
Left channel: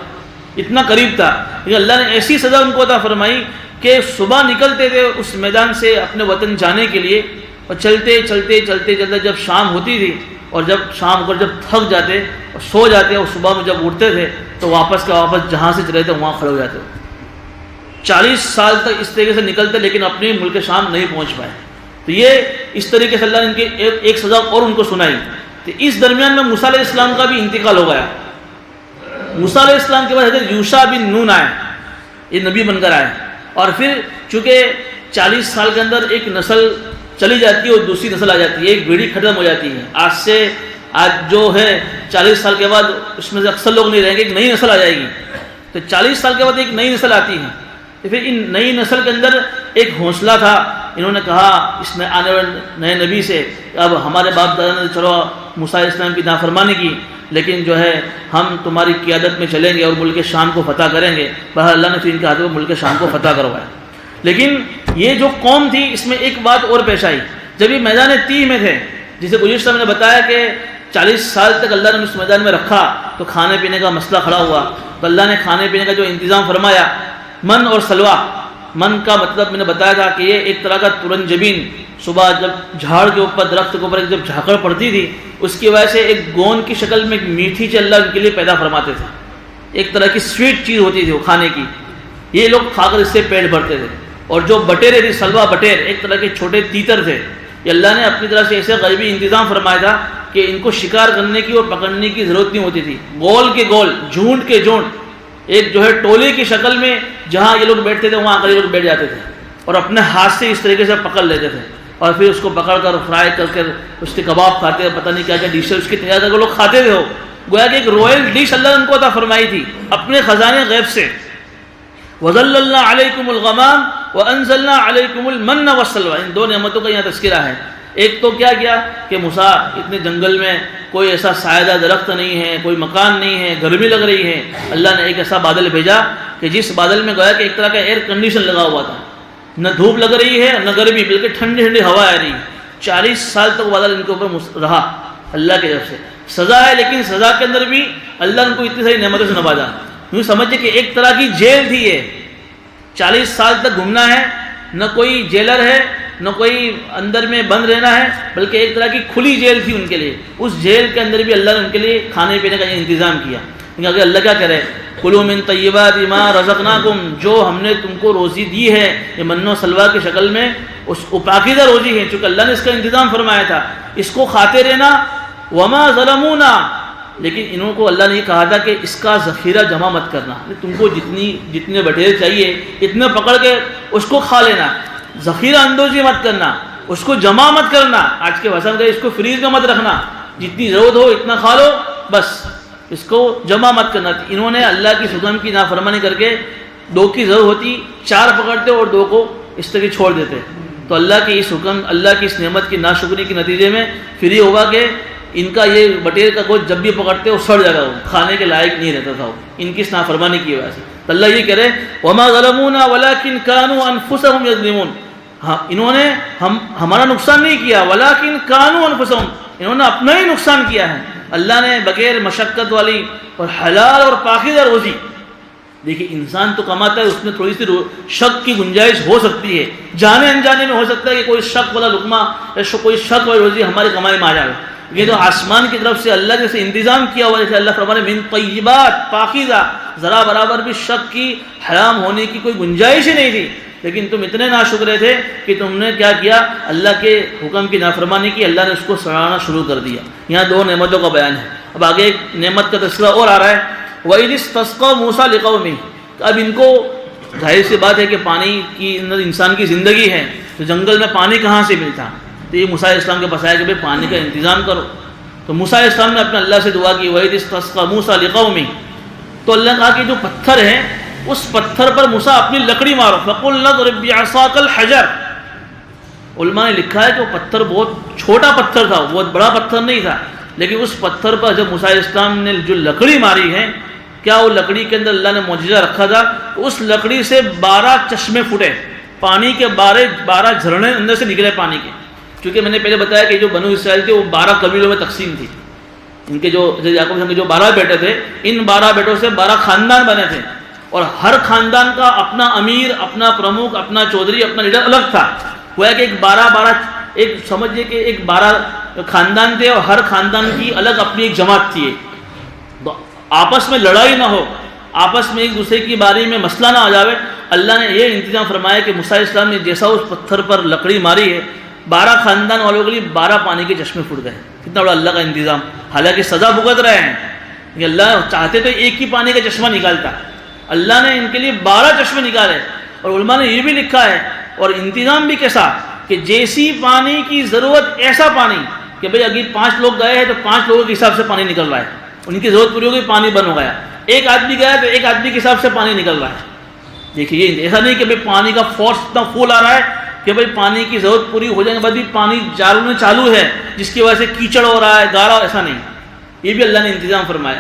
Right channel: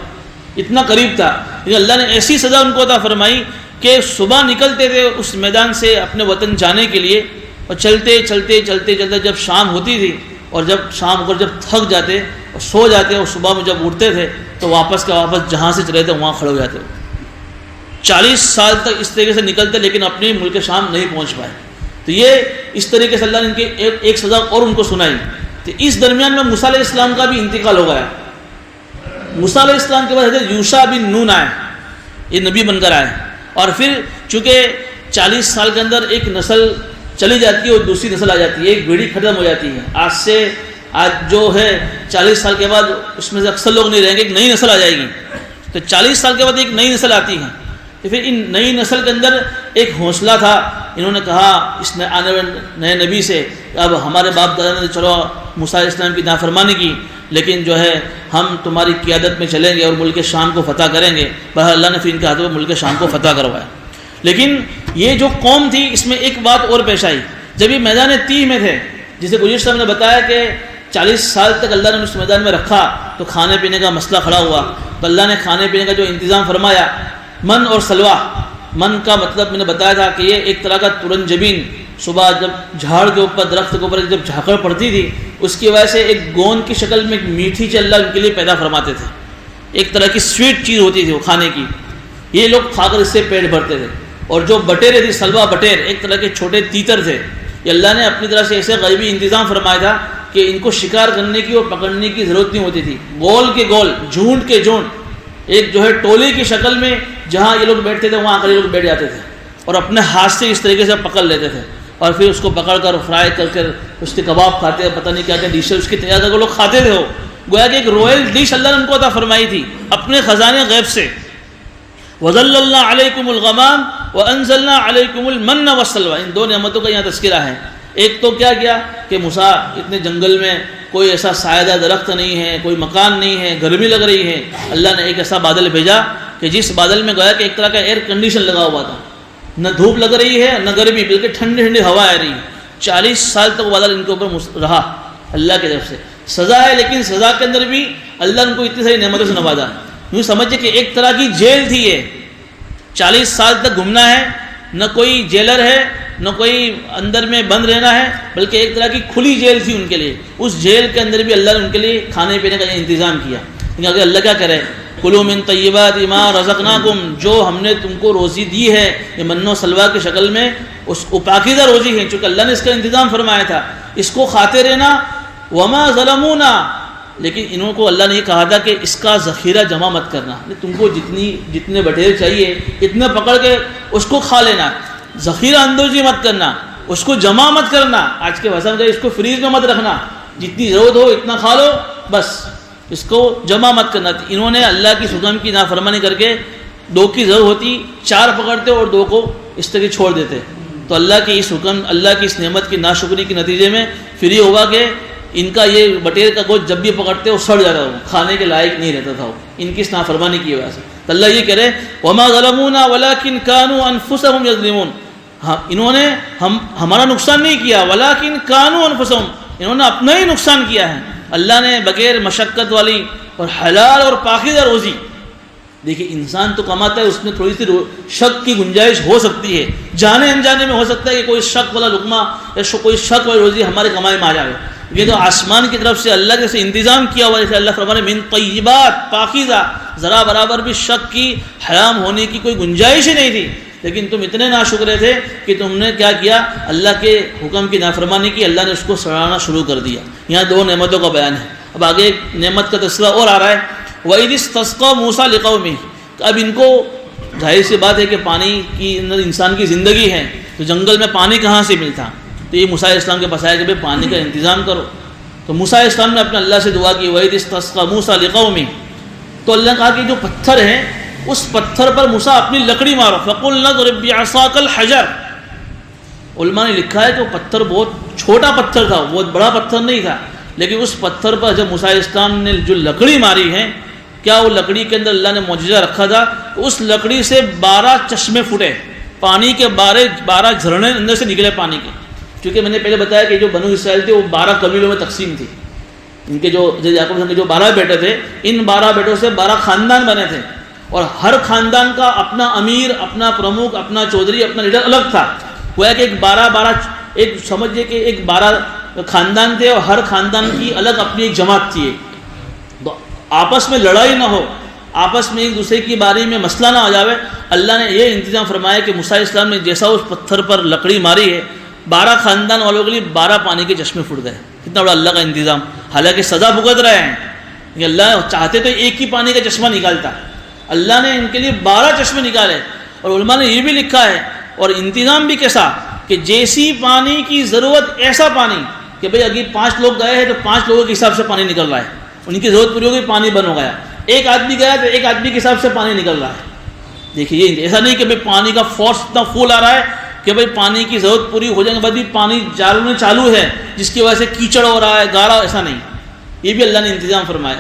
اتنا قریب تھا. لیکن اللہ نے ایسی سزا ان کو عطا فرمائی کہ صبح نکلتے تھے اس میدان سے اپنے وطن جانے کے لیے, اور چلتے چلتے چلتے چلتے جب شام ہوتی تھی, اور جب شام کو جب تھک جاتے اور سو جاتے, اور صبح میں جب اٹھتے تھے تو واپس جہاں سے چلے تھے وہاں کھڑے ہو جاتے. 40 سال تک اس طریقے سے نکلتے لیکن اپنے ملک شام نہیں پہنچ پائے. تو یہ اس طریقے سے اللہ نے ان کے ایک سزا اور ان کو سنائی. تو اس درمیان میں موسیٰ علیہ السلام کا بھی انتقال ہو گیا. موسیٰ علیہ السلام کے بعد حضرت یوشع بن نون آئے, یہ نبی بن کر آئے. اور پھر چونکہ 40 سال کے اندر ایک نسل چلی جاتی ہے اور دوسری نسل آ جاتی ہے, ایک پیڑھی ختم ہو جاتی ہے. آج جو ہے 40 سال کے بعد اس میں سے اکثر لوگ نہیں رہیں گے, ایک نئی نسل آ جائے گی. تو 40 سال کے بعد ایک نئی نسل آتی ہے. تو پھر ان نئی نسل کے اندر ایک حوصلہ تھا. انہوں نے کہا اس نے آنے والے نئے نبی سے, اب ہمارے باپ دادا نے چلو موسیٰ علیہ السلام کی نافرمانی کی, لیکن جو ہے ہم تمہاری قیادت میں چلیں گے اور ملک شام کو فتح کریں گے. بہرحال اللہ نے پھر ان کے ہاتھوں میں ملک شام کو فتح کروایا. لیکن یہ جو قوم تھی اس میں ایک بات اور پیش آئی. جب یہ میدان تیہ میں تھے, جسے گزشتہ میں نے بتایا کہ 40 سال تک اللہ نے اس میدان میں رکھا, تو کھانے پینے کا مسئلہ کھڑا ہوا. تو اللہ نے کھانے پینے کا جو انتظام فرمایا, من اور سلوا. من کا مطلب میں نے بتایا تھا کہ یہ ایک طرح کا ترنجبین, صبح جب جھاڑ کے اوپر درخت کے اوپر جب جھاکڑ پڑتی تھی اس کی وجہ سے ایک گوند کی شکل میں ایک میٹھی چیز اللہ ان کے لیے پیدا فرماتے تھے. ایک طرح کی سویٹ چیز ہوتی تھی وہ کھانے کی, یہ لوگ کھا کر اس سے پیٹ بھرتے تھے. اور جو بٹیرے تھے, سلوا بٹیر, ایک طرح کے چھوٹے تیتر تھے. یہ اللہ نے اپنی طرح سے ایسے غیبی انتظام فرمایا تھا کہ ان کو شکار کرنے کی اور پکڑنے کی ضرورت نہیں ہوتی تھی. گول کے گول, جھونڈ کے جھونڈ, ایک جو ہے ٹولے کی شکل میں جہاں یہ لوگ بیٹھتے تھے وہاں آ کر یہ لوگ بیٹھ جاتے تھے اور اپنے ہاتھ سے اس طریقے سے پکڑ لیتے تھے. اور پھر اس کو پکڑ کر فرائی کر کے اس کے کباب کھاتے تھے, پتہ نہیں کیا کیا ڈشیں اس کی تیار کر کے لوگ کھاتے تھے. وہ گویا کہ ایک رویل ڈش اللہ نے ان کو عطا فرمائی تھی اپنے خزانے غیب سے. وَظَلَّلْنَا عَلَيْكُمُ الْغَمَامَ وَأَنزَلْنَا عَلَيْكُمُ الْمَنَّ وَالسَّلْوَىٰ. ان دو نعمتوں کا یہاں تذکرہ ہے. ایک تو کیا کیا کہ موسیٰ اتنے جنگل میں کوئی ایسا سایہ درخت نہیں ہے, کوئی مکان نہیں ہے, گرمی لگ رہی ہے. اللہ نے ایک ایسا بادل بھیجا کہ جس بادل میں گویا کہ ایک طرح کا ایئر کنڈیشن لگا ہوا تھا, نہ دھوپ لگ رہی ہے نہ گرمی, بلکہ ٹھنڈی ٹھنڈی ہوا آ رہی ہے. 40 سال تک وہ بادل ان کے اوپر رہا اللہ کی طرف سے. سزا ہے, لیکن سزا کے اندر بھی اللہ نے ان کو اتنی ساری نعمتوں سے نوازا. یوں سمجھے کہ ایک طرح کی جیل تھی یہ. 40 سال تک گھومنا ہے, نہ کوئی جیلر ہے نہ کوئی اندر میں بند رہنا ہے, بلکہ ایک طرح کی کھلی جیل تھی ان کے لیے. اس جیل کے اندر بھی اللہ نے ان کے لیے کھانے پینے کا انتظام کیا. کیونکہ اللہ کیا کرے, کلوا من طیبات ما رزقناکم, جو ہم نے تم کو روزی دی ہے یہ من و سلوا کی شکل میں, اس کو پاکیزہ روزی ہے, چونکہ اللہ نے اس کا انتظام فرمایا تھا, اس کو کھاتے رہنا. وما ظلمونا, لیکن انہوں کو اللہ نے یہ کہا تھا کہ اس کا ذخیرہ جمع مت کرنا, تم کو جتنے بٹیر چاہیے اتنے پکڑ کے اس کو کھا لینا, ذخیرہ اندوزی مت کرنا. اس کو جمع مت کرنا. آج کے وسم کا اس کو فریز میں مت رکھنا, جتنی ضرورت ہو اتنا کھا لو بس, اس کو جمع مت کرنا. انہوں نے اللہ کی حکم کی نافرمانی کر کے 2 کی ضرورت ہوتی 4 پکڑتے اور 2 کو اس طرح چھوڑ دیتے. تو اللہ کی اس حکم, اللہ کی اس نعمت کی ناشکری کے نتیجے میں پھر یہ ہوگا کہ ان کا یہ بٹیر کا گوشت جب بھی پکڑتے وہ سڑ جاتا, وہ کھانے کے لائق نہیں رہتا تھا وہ, ان کی اس نافرمانی کی وجہ سے. تو اللہ یہ کہہ رہے وما ظلمونا ولکن كانوا انفسهم یظلمون. ہاں انہوں نے ہمارا نقصان نہیں کیا, ولکن كانوا انفسهم, انہوں نے اپنا ہی نقصان کیا ہے. اللہ نے بغیر مشقت والی اور حلال اور پاکیزہ روزی, دیکھیے انسان تو کماتا ہے, اس میں تھوڑی سی شک کی گنجائش ہو سکتی ہے, جانے انجانے میں ہو سکتا ہے کہ کوئی شک والا لقمہ یا کوئی شک والی روزی ہماری کمائی میں آ جائے. یہ تو آسمان کی طرف سے اللہ جیسے انتظام کیا ہوا, جیسے اللہ فرمانے من طیبات پاکیزہ, ذرا برابر بھی شک کی حرام ہونے کی کوئی گنجائش ہی نہیں تھی. لیکن تم اتنے ناشکرے تھے کہ تم نے کیا کیا, اللہ کے حکم کی نافرمانی کی, اللہ نے اس کو سڑانا شروع کر دیا. یہاں 2 نعمتوں کا بیان ہے. اب آگے ایک نعمت کا تذکرہ اور آ رہا ہے, وَإِذِ اسْتَسْقَىٰ مُوسَىٰ لِقَوْمِهِ. اب ان کو ظاہر سی بات ہے کہ پانی کی اندر انسان کی زندگی ہے, تو جنگل میں پانی کہاں سے ملتا, تو یہ موسیٰ علیہ السلام کے پاس آیا کہ بھائی پانی کا انتظام کرو. تو موسیٰ علیہ السلام نے اپنے اللہ سے دعا کی, وَإِذِ اسْتَسْقَىٰ مُوسَىٰ لِقَوْمِهِ. تو اللہ نے کہا کہ جو پتھر ہے اس پتھر پر موسیٰ اپنی لکڑی مارو, فَقُلْنَا اضْرِب بِعَصَاكَ الْحَجَرَ. علماء نے لکھا ہے کہ وہ پتھر بہت چھوٹا پتھر تھا, بہت بڑا پتھر نہیں تھا, لیکن اس پتھر پر جب موسیٰ علیہ السلام نے جو لکڑی ماری ہے, کیا وہ لکڑی کے اندر اللہ نے معجزہ رکھا تھا, تو اس لکڑی سے 12 چشمے پھوٹے, پانی کے 12 جھرنے اندر سے نکلے پانی کے. چونکہ میں نے پہلے بتایا کہ جو بنو اسرائیل تھے وہ 12 قبیلوں میں تقسیم تھی. ان کے جو یعقوب کے جو 12 بیٹے تھے, ان 12 بیٹوں سے 12 خاندان بنے تھے, اور ہر خاندان کا اپنا امیر, اپنا پرمکھ, اپنا چودھری, اپنا لیڈر الگ تھا. وہ کہ ایک سمجھیے کہ ایک 12 خاندان تھے, اور ہر خاندان کی الگ اپنی ایک جماعت تھی. آپس میں لڑائی نہ ہو, آپس میں ایک دوسرے کی باری میں مسئلہ نہ آ جاوے. اللہ نے یہ انتظام فرمایا کہ موسیٰ علیہ السلام نے جیسا اس پتھر پر لکڑی ماری ہے, 12 خاندان والوں کے لیے 12 پانی کے چشمے پھوٹ گئے. کتنا بڑا اللہ کا انتظام. حالانکہ سزا بھگت رہے ہیں, کہ اللہ چاہتے تو ایک ہی پانی کا چشمہ نکالتا, اللہ نے ان کے لیے 12 چشمے نکالے. اور علماء نے یہ بھی لکھا ہے, اور انتظام بھی کیسا, کہ جیسی پانی کی ضرورت ایسا پانی, کہ بھئی اگر 5 لوگ گئے ہیں تو 5 لوگوں کے حساب سے پانی نکل رہا ہے, ان کی ضرورت پوری ہو گئی, پانی بند ہو گیا. ایک آدمی گیا تو ایک آدمی کے حساب سے پانی نکل رہا ہے. دیکھیے یہ ایسا نہیں کہ بھئی پانی کا فورس اتنا فول آ رہا ہے کہ بھئی پانی کی ضرورت پوری ہو جانے کے بعد بھی پانی چالو ہے, جس کی وجہ سے کیچڑ ہو رہا ہے, گاڑا, ایسا نہیں. یہ بھی اللہ نے انتظام فرمایا.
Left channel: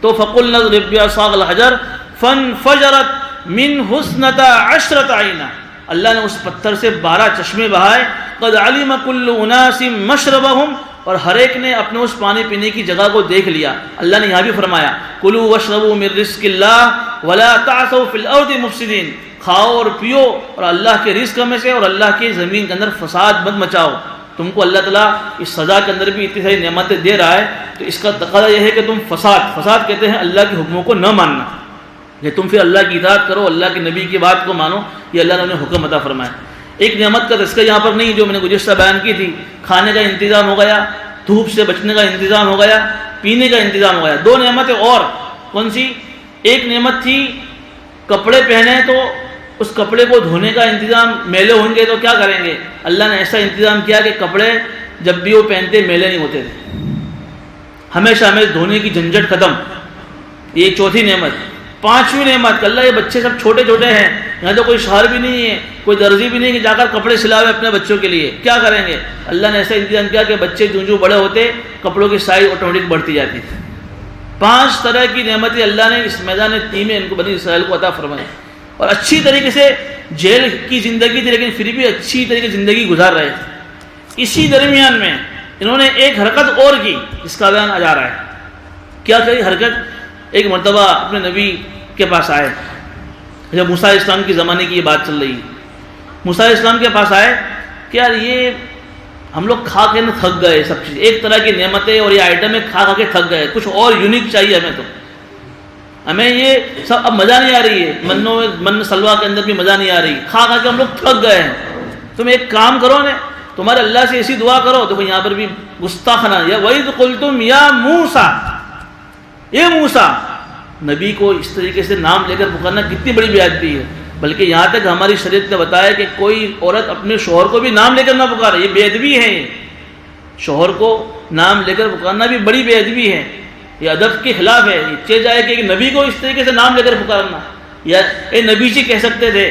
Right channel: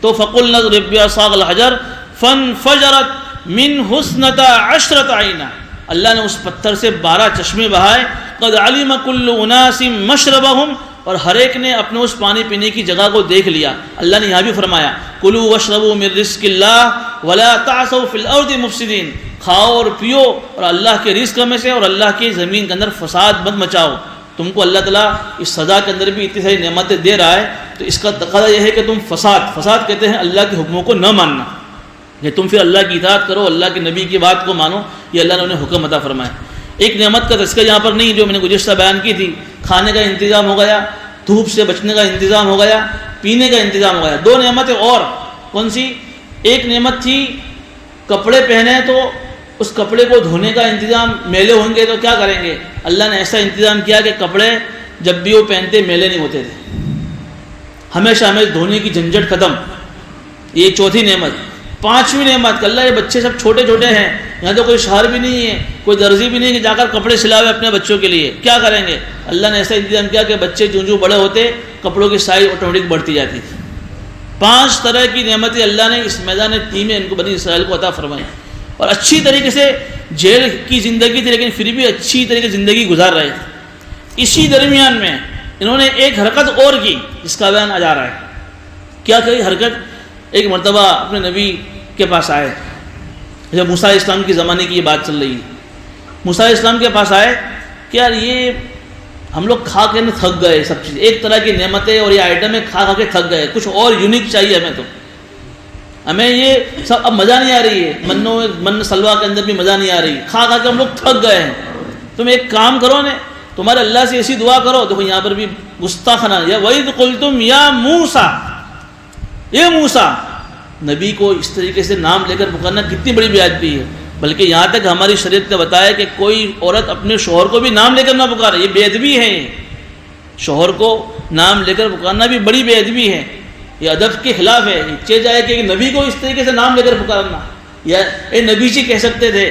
تو فَقُلْنَا اضْرِب بِعَصَاكَ الْحَجَرَ فَانْفَجَرَتْ مِنْهُ اثْنَتَا عَشْرَةَ عَيْنًا. اللہ نے اس پتھر سے 12 چشمے بہائے. قَدْ عَلِمَ كُلُّ أُنَاسٍ مَشْرَبَهُمْ, اور ہر ایک نے اپنے اس پانی پینے کی جگہ کو دیکھ لیا. اللہ نے یہاں بھی فرمایا کُلُوا وَاشْرَبُوا مِن رِزْقِ اللَّهِ وَلَا تَعْثَوْا فِي الْأَرْضِ مُفْسِدِينَ. کھاؤ اور پیو اور اللہ کے رزق میں سے, اور اللہ کی زمین کے اندر فساد مت مچاؤ. تم کو اللہ تعالیٰ اس سزا کے اندر بھی اتنی ساری نعمتیں دے رہا ہے, تو اس کا تقاضا یہ ہے کہ تم فساد کہتے ہیں اللہ کے حکموں کو نہ ماننا, کہ تم پھر اللہ کی اطاعت کرو, اللہ کے نبی کی بات کو مانو. یہ اللہ نے انہیں حکم عطا فرمایا. ایک نعمت کا تذکرہ یہاں پر نہیں, جو میں نے گزشتہ بیان کی تھی, کھانے کا انتظام ہو گیا, دھوپ سے بچنے کا انتظام ہو گیا, پینے کا انتظام ہو گیا. 2 نعمتیں اور کون سی, ایک نعمت تھی کپڑے پہنے تو اس کپڑے کو دھونے کا انتظام, میلے ہوں گے تو کیا کریں گے. اللہ نے ایسا انتظام کیا کہ کپڑے جب بھی وہ پہنتے میلے نہیں ہوتے تھے, ہمیشہ دھونے کی جھنجھٹ ختم. یہ 4تھی نعمت. 5ویں نعمت, اللہ یہ بچے سب چھوٹے چھوٹے ہیں, یہاں تو کوئی شہر بھی نہیں ہے, کوئی درزی بھی نہیں کہ جا کر کپڑے سلاوے اپنے بچوں کے لیے, کیا کریں گے. اللہ نے ایسا انتظام کیا کہ بچے جو بڑے ہوتے کپڑوں کی سائز آٹومیٹک بڑھتی جاتی تھی. 5 طرح کی نعمتیں اللہ نے اس میدان تیم میں ان کو بنی اسرائیل کو عطا فرمائی. اور اچھی طریقے سے جیل کی زندگی تھی, لیکن پھر بھی اچھی طریقے سے زندگی گزار رہے تھے. اسی درمیان میں انہوں نے ایک حرکت اور کی, جس کا بیان آ جا رہا ہے. کیا کہی حرکت, ایک مرتبہ اپنے نبی کے پاس آئے, جب موسیٰ علیہ السلام کی زمانے کی یہ بات چل رہی ہے. موسیٰ علیہ السلام کے پاس آئے کہ یار یہ ہم لوگ کھا کے تھک گئے, سب چیز ایک طرح کی نعمتیں اور یہ آئٹمیں کھا کے تھک گئے, کچھ اور یونیک چاہیے ہمیں. تو ہمیں یہ سب اب مزہ نہیں آ رہی ہے, من سلوا کے اندر بھی مزہ نہیں آ رہی, کھا کے ہم لوگ تھک گئے ہیں. تم ایک کام کرو نا, تمہارے اللہ سے ایسی دعا کرو. دیکھو یہاں پر بھی گستاخانہ, یا وَإِذْ قُلْتُمْ يَا مُوسَىٰ, اے موسیٰ, نبی کو اس طریقے سے نام لے کر پکارنا کتنی بڑی بے ادبی ہے. بلکہ یہاں تک ہماری شریعت نے بتایا کہ کوئی عورت اپنے شوہر کو بھی نام لے کر نہ پکارے، یہ بے ادبی ہے۔ شوہر کو نام لے کر پکارنا بھی بڑی بے ادبی ہے، یہ ادب کے خلاف ہے۔ چاہے جائے کہ نبی کو اس طریقے سے نام لے کر پکارنا، یا اے نبی جی کہہ سکتے تھے،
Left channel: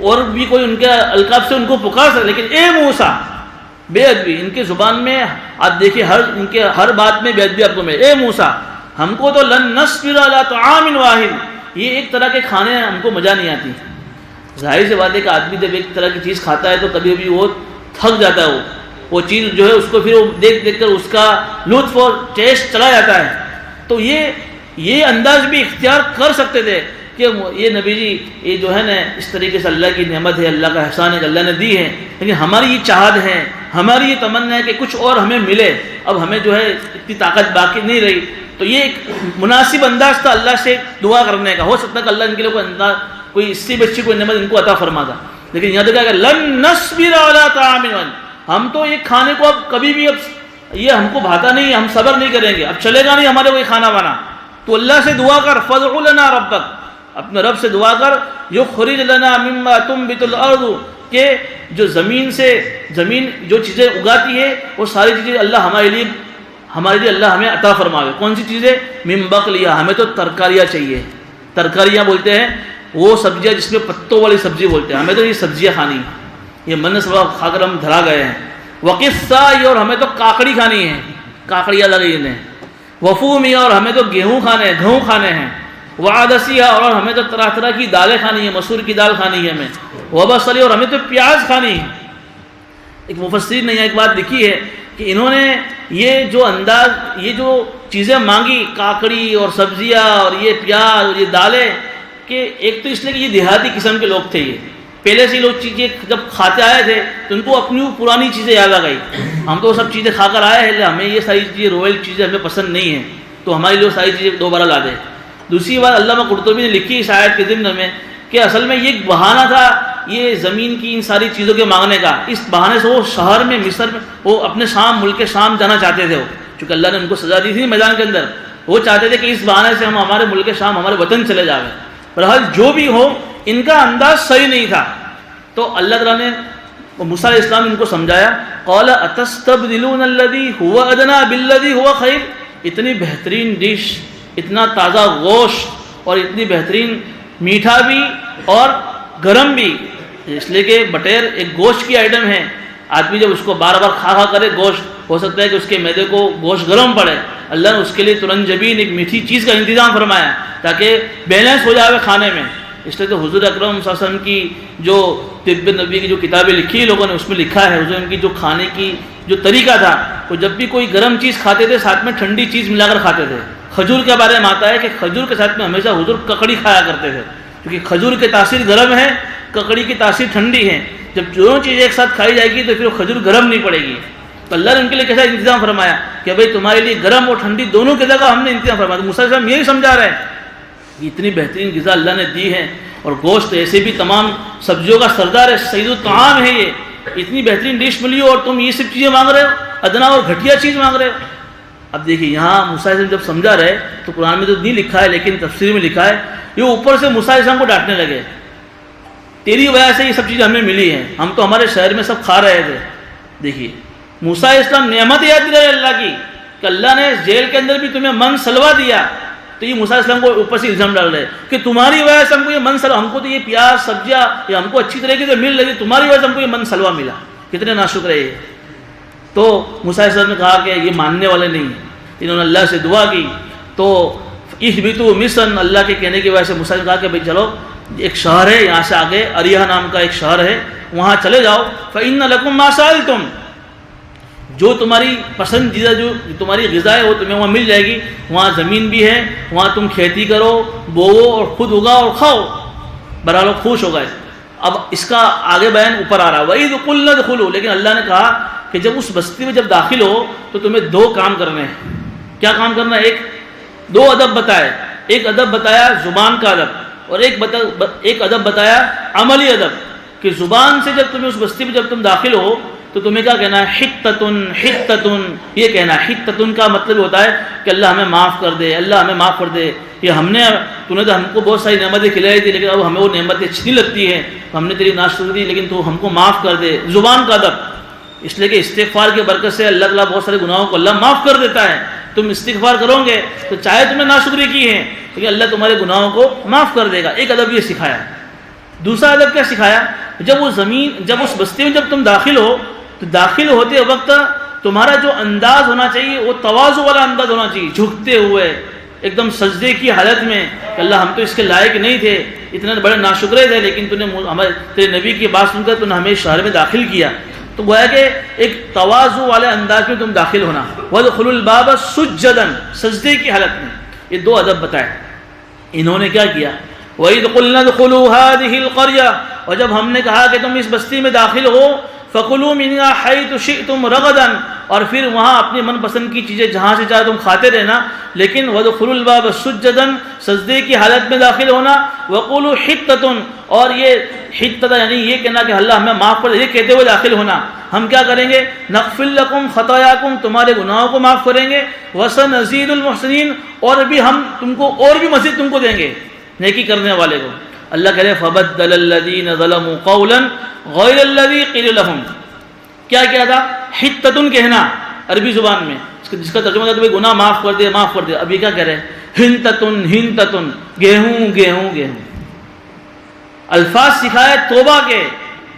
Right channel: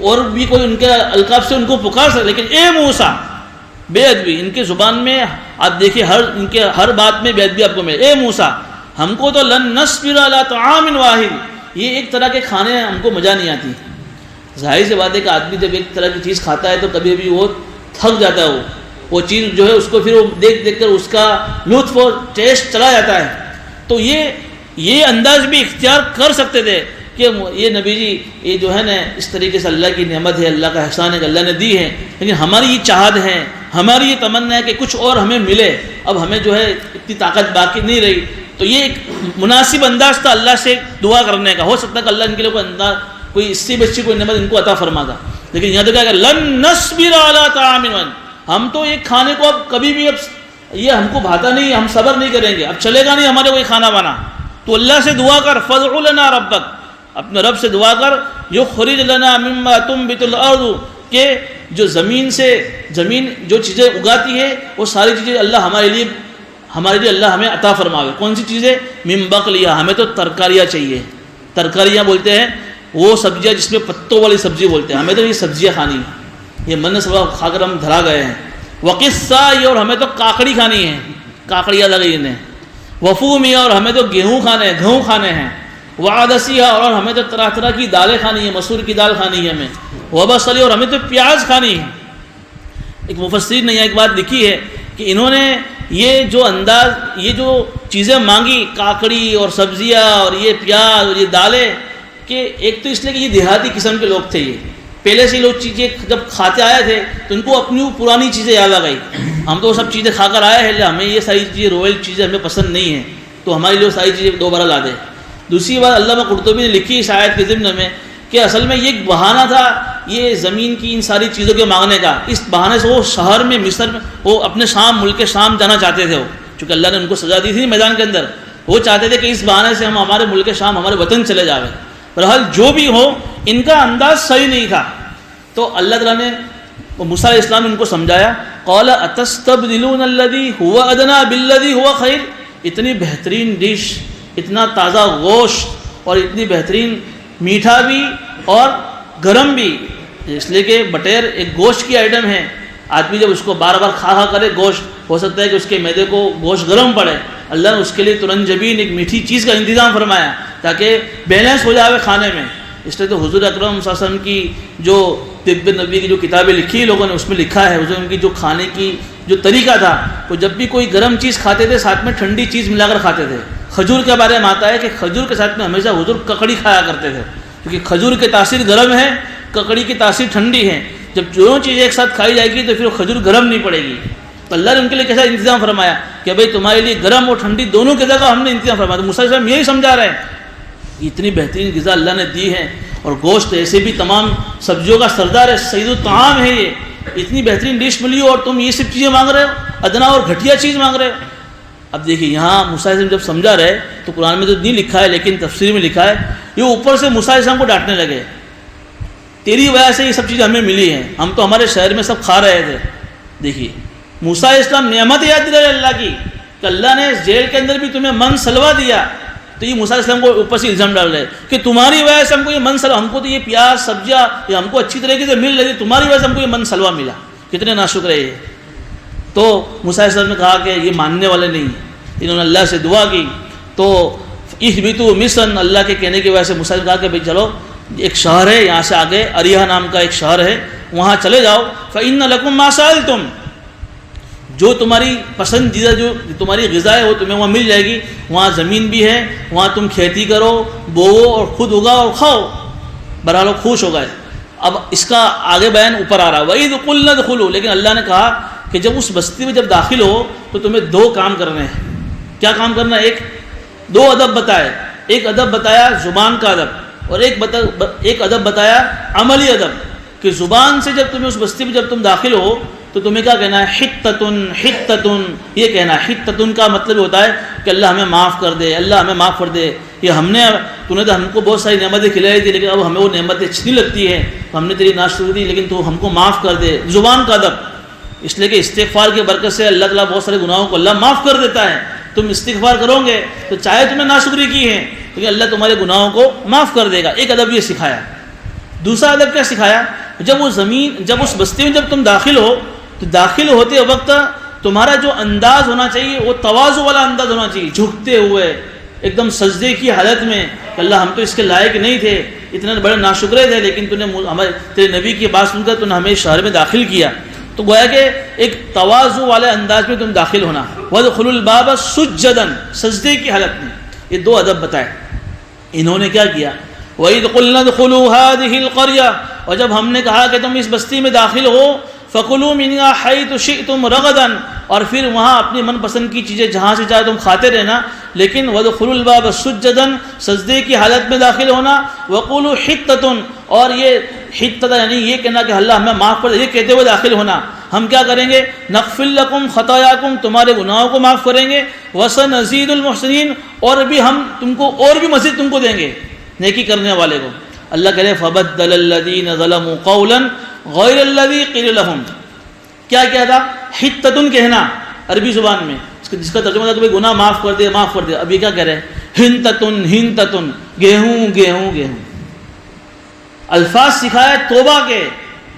اور بھی کوئی ان کے القاب سے ان کو پکار سکتے، لیکن اے موسیٰ، بے ادبی ان کی زبان میں آپ دیکھیے، ان کے ہر بات میں بے ادبی آپ کو ملے۔ اے موسیٰ، ہم کو تو لن نصبر علی طعام واحد، یہ ایک طرح کے کھانے ہم کو مزہ نہیں آتی۔ ظاہر سی بات ہے کہ آدمی جب ایک طرح کی چیز کھاتا ہے تو کبھی کبھی وہ تھک جاتا ہے، وہ چیز جو ہے اس کو پھر وہ دیکھ دیکھ کر اس کا لطف اور ٹیسٹ چلا جاتا ہے۔ تو یہ انداز بھی اختیار کر سکتے تھے کہ یہ نبی جی یہ جو ہے نا اس طریقے سے اللہ کی نعمت ہے، اللہ کا احسان ہے کہ اللہ نے دی ہے، لیکن ہماری یہ چاہت ہے، ہماری یہ تمنا ہے کہ کچھ اور ہمیں ملے، اب ہمیں جو ہے اتنی طاقت باقی نہیں رہی۔ تو یہ ایک مناسب انداز تھا اللہ سے دعا کرنے کا۔ ہو سکتا ہے کہ اللہ ان کے لیے کوئی اس سے بھی اچھی کوئی نعمت ان کو عطا فرما دا، لیکن یہاں تو کہا کہ لن نصبر علی طعام واحد، ہم تو یہ کھانے کو اب کبھی بھی اب یہ ہم کو بھاتا نہیں، ہم صبر نہیں کریں گے، اب چلے گا نہیں ہمارے کوئی کھانا بنا۔ تو اللہ سے دعا کر، فادع لنا ربک، اپنے رب سے دعا کر، یخرج لنا مما تنبت الارض، کہ جو زمین جو چیزیں اگاتی ہے وہ ساری چیزیں اللہ ہمارے لیے اللہ ہمیں عطا فرماوے۔ کون سی چیزیں؟ من بقلیہ، ہمیں تو ترکاریاں چاہیے، ترکاریاں بولتے ہیں وہ سبزیاں جس میں پتوں والی سبزی بولتے ہیں، ہمیں تو یہ سبزیاں کھانی ہیں، یہ من سبب کھا کر ہم دھرا گئے ہیں۔ وقصہ، اور ہمیں تو کاکڑی کھانی ہے، کاکڑیاں لگی انہیں۔ وفومیہ، اور ہمیں تو گیہوں کھانے ہیں۔ وعدسیہ، اور ہمیں تو طرح طرح کی دالیں کھانی ہیں، مسور کی دال کھانی ہے ہمیں۔ وبصلی، اور ہمیں تو پیاز کھانی ہے۔ ایک مفسر نے ایک بات لکھی ہے کہ انہوں نے یہ جو انداز، یہ جو چیزیں مانگی، کاکڑی اور سبزیاں اور یہ پیاز اور یہ دالیں، کہ ایک تو اس لیے کہ یہ دیہاتی قسم کے لوگ تھے، یہ پہلے سے لوگ چیزیں جب کھاتے آئے تھے تو ان کو اپنی پرانی چیزیں یاد آ گئی، ہم تو سب چیزیں کھا کر آئے ہیں، ہمیں یہ ساری چیزیں رویل چیزیں ہمیں پسند نہیں ہیں، تو ہمارے لیے ساری چیزیں دوبارہ لا دے۔ دوسری بات علامہ قرطبی نے لکھی اس آیت کے ضمن میں کہ اصل میں یہ ایک بہانہ تھا یہ زمین کی ان ساری چیزوں کے مانگنے کا، اس بہانے سے وہ شہر میں مصر میں وہ اپنے شام، ملک شام جانا چاہتے تھے، چونکہ اللہ نے ان کو سزا دی تھی میدان کے اندر، وہ چاہتے تھے کہ اس بہانے سے ہم ہمارے ملک شام، ہمارے وطن چلے جاویں۔ بہرحال جو بھی ہو، ان کا انداز صحیح نہیں تھا، تو اللہ تعالیٰ نے موسیٰ علیہ السلام نے ان کو سمجھایا، قال اتستبدلون الذی هو ادنی بالذی هو خیر، اتنی بہترین ڈش، اتنا تازہ گوشت اور اتنی بہترین میٹھا بھی اور گرم بھی، اس لیے کہ بٹیر ایک گوشت کی آئٹم ہے، آدمی جب اس کو بار بار کھا کرے گوشت، ہو سکتا ہے کہ اس کے معدے کو گوشت گرم پڑے، اللہ نے اس کے لیے ترنجبین ایک میٹھی چیز کا انتظام فرمایا تاکہ بیلنس ہو جائے کھانے میں۔ اس لیے تو حضور اکرم صلی اللہ علیہ وسلم کی جو طب نبی کی جو کتابیں لکھی لوگوں نے، اس میں لکھا ہے حضور کی جو کھانے کی جو طریقہ تھا، وہ جب بھی کوئی گرم چیز کھاتے تھے ساتھ میں ٹھنڈی چیز ملا کر کھاتے تھے۔ کھجور کے بارے میں آتا ہے کہ کھجور کے ساتھ میں ہمیشہ حضور ککڑی کھایا کرتے تھے، کیونکہ کھجور کی تاثیر گرم ہے، ککڑی کی تاثیر ٹھنڈی ہے، جب دونوں چیزیں ایک ساتھ کھائی جائے گی تو پھر کھجور گرم نہیں پڑے گی۔ تو اللہ نے ان کے لیے کیسا انتظام فرمایا کہ بھائی تمہارے لیے گرم اور ٹھنڈی دونوں کی جگہ ہم نے انتظام فرمایا۔ تو موسیٰ علیہ السلام یہی سمجھا رہے ہیں، اتنی بہترین غذا اللہ نے دی ہے، اور گوشت ایسے بھی تمام سبزیوں کا سردار ہے، سید الطعام ہے، یہ اتنی بہترین ڈش ملی ہو اور تم یہ سب چیزیں مانگ رہے ہو، ادنا اور گھٹیا چیز مانگ رہے ہو۔ اب دیکھیے یہاں موسیٰ علیہ السلام جب سمجھا رہے تو قرآن میں تو نہیں لکھا ہے لیکن تفسیر میں لکھا ہے، یہ اوپر سے موسیٰ علیہ السلام کو ڈانٹنے لگے، تیری وجہ سے یہ سب چیزیں ہمیں ملی ہیں، ہم تو ہمارے شہر میں سب کھا رہے تھے۔ دیکھیے موسیٰ علیہ السلام نعمت یاد دلا اللہ کی کہ اللہ نے جیل کے اندر بھی تمہیں من سلوا دیا، تو یہ موسیٰ علیہ السلام کو اوپر سے الزام ڈال رہے کہ تمہاری وجہ سے ہم کو یہ من سلوا، ہم کو تو یہ پیاز سبزیاں یہ ہم کو اچھی طریقے سے مل رہی، تمہاری وجہ سے ہم کو یہ من سلوا ملا، کتنے ناشکر ہے یہ۔ تو موسیٰ علیہ السلام نے کہا کہ یہ ماننے والے نہیں ہیں، انہوں نے اللہ سے دعا کی، تو اہبطوا مصر، اللہ کے کہنے کی وجہ سے موسیٰ نے کہا کہ بھائی چلو ایک شہر ہے یہاں سے آگے، اریہ نام کا ایک شہر ہے، وہاں چلے جاؤ، فإن لکم ما سألتم، جو تمہاری پسندیدہ جو تمہاری غذا ہے وہ تمہیں وہاں مل جائے گی، وہاں زمین بھی ہے، وہاں تم کھیتی کرو، بوو اور خود اگاؤ اور کھاؤ، برحال خوش ہو گئے۔ اب اس کا آگے بیان اوپر آ رہا ہے، وَإِذْ قُلْنَا ادْخُلُوا، لیکن اللہ نے کہا کہ جب اس بستی میں جب داخل ہو تو تمہیں دو کام کرنے ہیں۔ کیا کام کرنا ہے؟ دو ادب بتائے، ایک ادب بتایا زبان کا ادب، اور ایک ادب بتایا عملی ادب، کہ زبان سے جب تمہیں اس بستی میں جب تم داخل ہو تو تمہیں کیا کہنا ہے؟ حتتن حتتن، یہ کہنا ہے۔ حتتن کا مطلب ہوتا ہے کہ اللہ ہمیں معاف کر دے، اللہ ہمیں معاف کر دے، یہ تو نے تو ہم کو بہت ساری نعمتیں کھلائی تھی لیکن اب ہمیں وہ نعمتیں اچھی نہیں لگتی ہے، تو ہم نے تیری ناشکری دی لیکن تو ہم کو معاف کر دے۔ زبان کا ادب، اس لیے کہ استغفار کی برکت سے اللہ تعالیٰ بہت سارے گناہوں کو اللہ معاف کر دیتا ہے۔ تم استغفار کرو گے تو چاہے تمہیں ناشکری کی ہے لیکن اللہ تمہارے گناہوں کو معاف کر دے گا۔ ایک ادب یہ سکھایا۔ دوسرا ادب کیا سکھایا؟ جب اس بستی میں جب تم داخل ہو تو داخل ہوتے وقت تمہارا جو انداز ہونا چاہیے وہ تواضع والا انداز ہونا چاہیے، جھکتے ہوئے ایک دم سجدے کی حالت میں کہ اللہ ہم تو اس کے لائق نہیں تھے، اتنے بڑے ناشکرے تھے، لیکن تو نے تیرے نبی کی بات سن کر تو نے ہمیں شہر میں داخل کیا۔ تو گویا کہ ایک تواضع والے انداز میں تم داخل ہونا۔ وَادْخُلُوا الْبَابَ سُجَّدًا، سجدے کی حالت میں۔ یہ دو ادب بتائے۔ انہوں نے کیا کیا؟ وَإِذْ قُلْنَا ادْخُلُوا هَٰذِهِ الْقَرْيَةَ، اور جب ہم نے کہا کہ تم اس بستی میں داخل ہو، فَكُلُوا مِنْهَا حَيْثُ شِئْتُمْ رَغَدًا، اور پھر وہاں اپنی من پسند کی چیزیں جہاں سے چاہے تم کھاتے رہنا، لیکن وَادْخُلُوا الْبَابَ سُجَّدًا، سجدے کی حالت میں داخل ہونا۔ وَقُولُوا حِطَّةٌ، اور یہ حِطَّةٌ یعنی یہ کہنا کہ اللہ ہمیں معاف کر دے، یہ کہتے ہوئے داخل ہونا۔ ہم کیا کریں گے؟ نغفر لکم خطایاکم، تمہارے گناہوں کو معاف کریں گے۔ وسنزید المحسنین، اور بھی ہم تم کو اور بھی مزید تم کو دیں گے نیکی کرنے والے کو۔ اللہ کہہ رہے فبدل الذین ظلموا قولا غیر الذی قیل لہم، کیا کیا تھا؟ حتتن کہنا عربی زبان میں، جس کا ترجمہ تھا کہ گناہ معاف کر دے معاف کر دے۔ ابھی کیا کہہ رہے ہیں؟ ہنتتن ہنتتن، گیہوں گیہوں گیہوں۔ الفاظ سکھائے توبہ کے،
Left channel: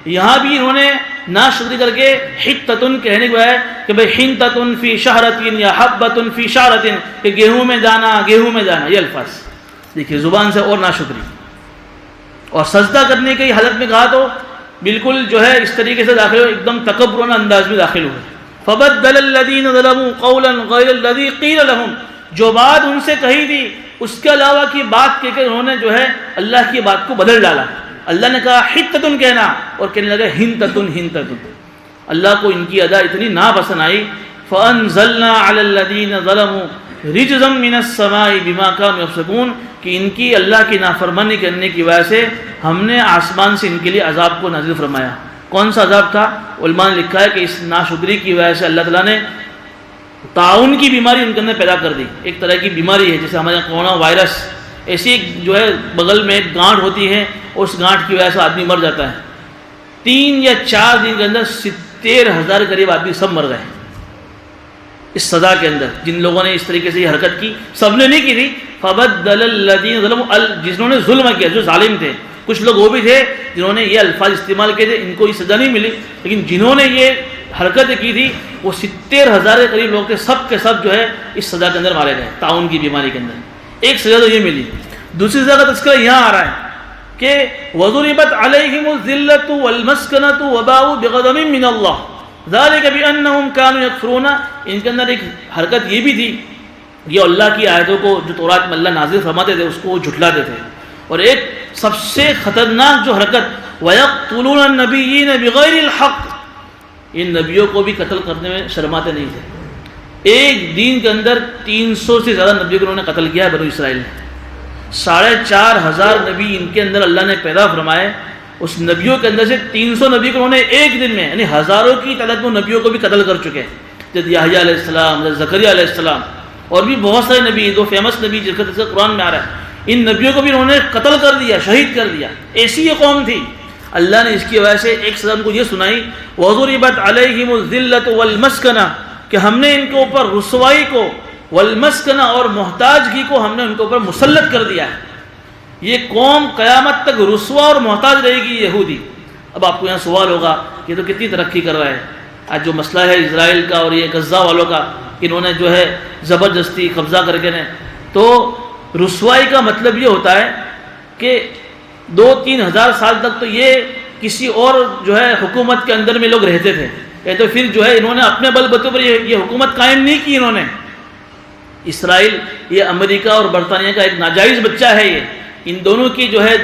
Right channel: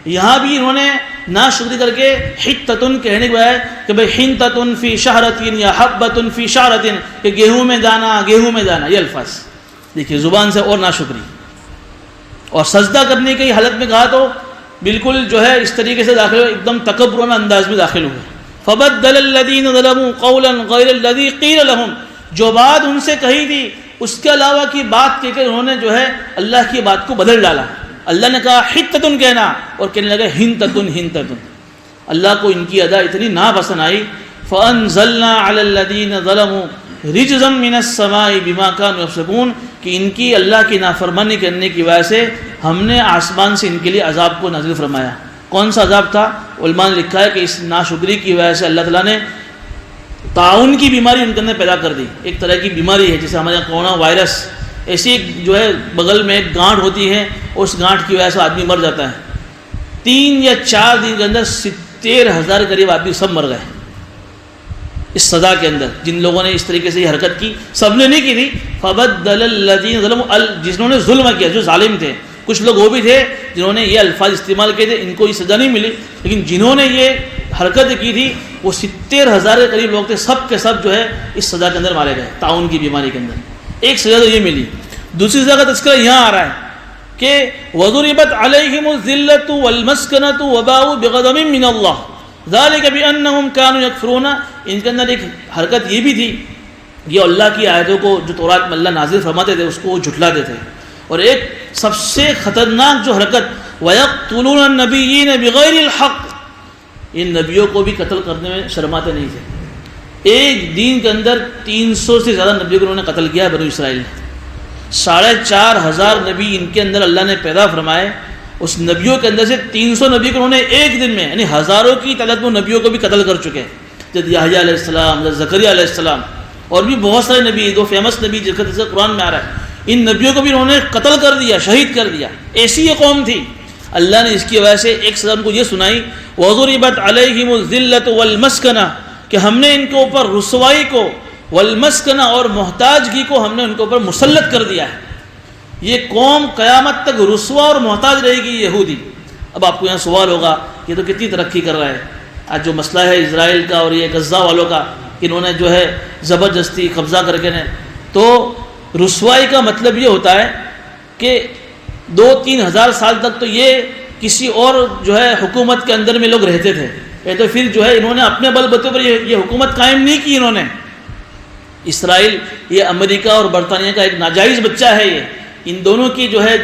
یہاں بھی انہوں نے ناشکری کر کے حتتن کہنے کو ہے کہ بھئی حنتتن فی شہرتن یا حبتن فی شعرتن، کہ گیہوں میں جانا گیہوں میں جانا، یہ الفاظ دیکھیے زبان سے اور ناشکری۔ اور سجدہ کرنے کی حالت میں کہا تو بالکل جو ہے اس طریقے سے داخل ہو، ایک دم تکبرانہ انداز میں داخل ہوئے۔ فبدل الذین ظلموا قولا غیر الذی قیل لہم، جو بات ان سے کہی تھی اس کے علاوہ کی بات کہہ کے انہوں نے جو ہے اللہ کی بات کو بدل ڈالا۔ اللہ نے کہا حتتن کہنا اور کہنے لگا ہنتتن ہنتتن۔ اللہ کو ان کی ادا اتنی ناپسند آئی، فانزلنا علی الذین ظلموا رجزا من السماء بما كانوا يفسقون، کہ ان کی اللہ کی نافرمانی کرنے کی وجہ سے ہم نے آسمان سے ان کے لیے عذاب کو نازل فرمایا۔ کون سا عذاب تھا؟ علماء نے لکھا ہے کہ اس ناشکری کی وجہ سے اللہ تعالیٰ نے طاعون کی بیماری ان کے اندر پیدا کر دی۔ ایک طرح کی بیماری ہے جیسے ہمارے یہاں کورونا وائرس، ایسی جو ہے بغل میں ایک گانٹھ ہوتی ہے، اس گانٹھ کی وجہ سے آدمی مر جاتا ہے۔ 3 یا 4 دن کے اندر 70,000 قریب آدمی سب مر گئے اس سزا کے اندر۔ جن لوگوں نے اس طریقے سے یہ حرکت کی، سب نے نہیں کی تھی۔ فبدل الذین ظلموا، جنہوں نے ظلم کیا، جو ظالم تھے، کچھ لوگ وہ بھی تھے جنہوں نے یہ الفاظ استعمال کیے تھے، ان کو یہ سزا نہیں ملی، لیکن جنہوں نے یہ حرکت کی تھی وہ 70,000 کے قریب لوگ تھے، سب کے سب جو ہے اس سزا کے اندر مارے گئے، طاعون کی بیماری کے اندر۔ ایک سزا تو یہ ملی۔ دوسری سزا کا تذکرہ یہاں آ رہا ہے کہ وَضُرِبَتْ عَلَيْهِمُ الذِّلَّةُ وَالْمَسْكَنَةُ وَبَاءُوا بِغَضَبٍ مِّنَ اللَّهِ ذَلِكَ بِأَنَّهُمْ كَانُوا يَكْفُرُونَ۔ ان کے اندر ایک حرکت یہ بھی تھی، یہ اللہ کی آیتوں کو جو تورات میں اللہ نازل فرماتے تھے اس کو وہ جھٹلاتے تھے۔ اور ایک سب سے خطرناک جو حرکت، وَيَقْتُلُونَ النَّبِيِّينَ بِغَيْرِ الْحَقِّ، ان نبیوں کو بھی قتل کرنے میں شرماتے نہیں تھے۔ ایک دن کے اندر 300 سے زیادہ نبیوں کو انہوں نے قتل کیا ہے بنو اسرائیل نے۔ 4,500 نبی ان کے اندر اللہ نے پیدا فرمائے، اس نبیوں کے اندر سے 300 نبی کو انہوں نے ایک دن میں، یعنی ہزاروں کی تعداد میں نبیوں کو بھی قتل کر چکے، جیسے یحییٰ علیہ السلام، جیسے زکریا علیہ السلام، اور بھی بہت سارے نبی، دو فیمس نبی جس کا تذکرہ قرآن میں آ رہا ہے، ان نبیوں کو بھی انہوں نے قتل کر دیا، شہید کر دیا۔ ایسی یہ قوم تھی۔ اللہ نے اس کی وجہ سے ایک سزا ان کو یہ سنائی، وَضُرِبَتْ عَلَيْهِمُ الذِّلَّةُ وَالْمَسْكَنَةُ، کہ ہم نے ان کے اوپر رسوائی کو، والمسکنہ اور محتاجگی کو ہم نے ان کے اوپر مسلط کر دیا ہے۔ یہ قوم قیامت تک رسوا اور محتاج رہے گی، یہودی۔ اب آپ کو یہاں سوال ہوگا کہ تو کتنی ترقی کر رہا ہے آج جو مسئلہ ہے اسرائیل کا اور یہ غزہ والوں کا، انہوں نے جو ہے زبردستی قبضہ کر کے نے، تو رسوائی کا مطلب یہ ہوتا ہے کہ 2-3 ہزار سال تک تو یہ کسی اور جو ہے حکومت کے اندر میں لوگ رہتے تھے، یا تو پھر جو ہے انہوں نے اپنے بل بوتے پر یہ حکومت قائم نہیں کی۔ انہوں نے اسرائیل یہ امریکہ اور برطانیہ کا ایک ناجائز بچہ ہے، یہ ان دونوں کی جو ہے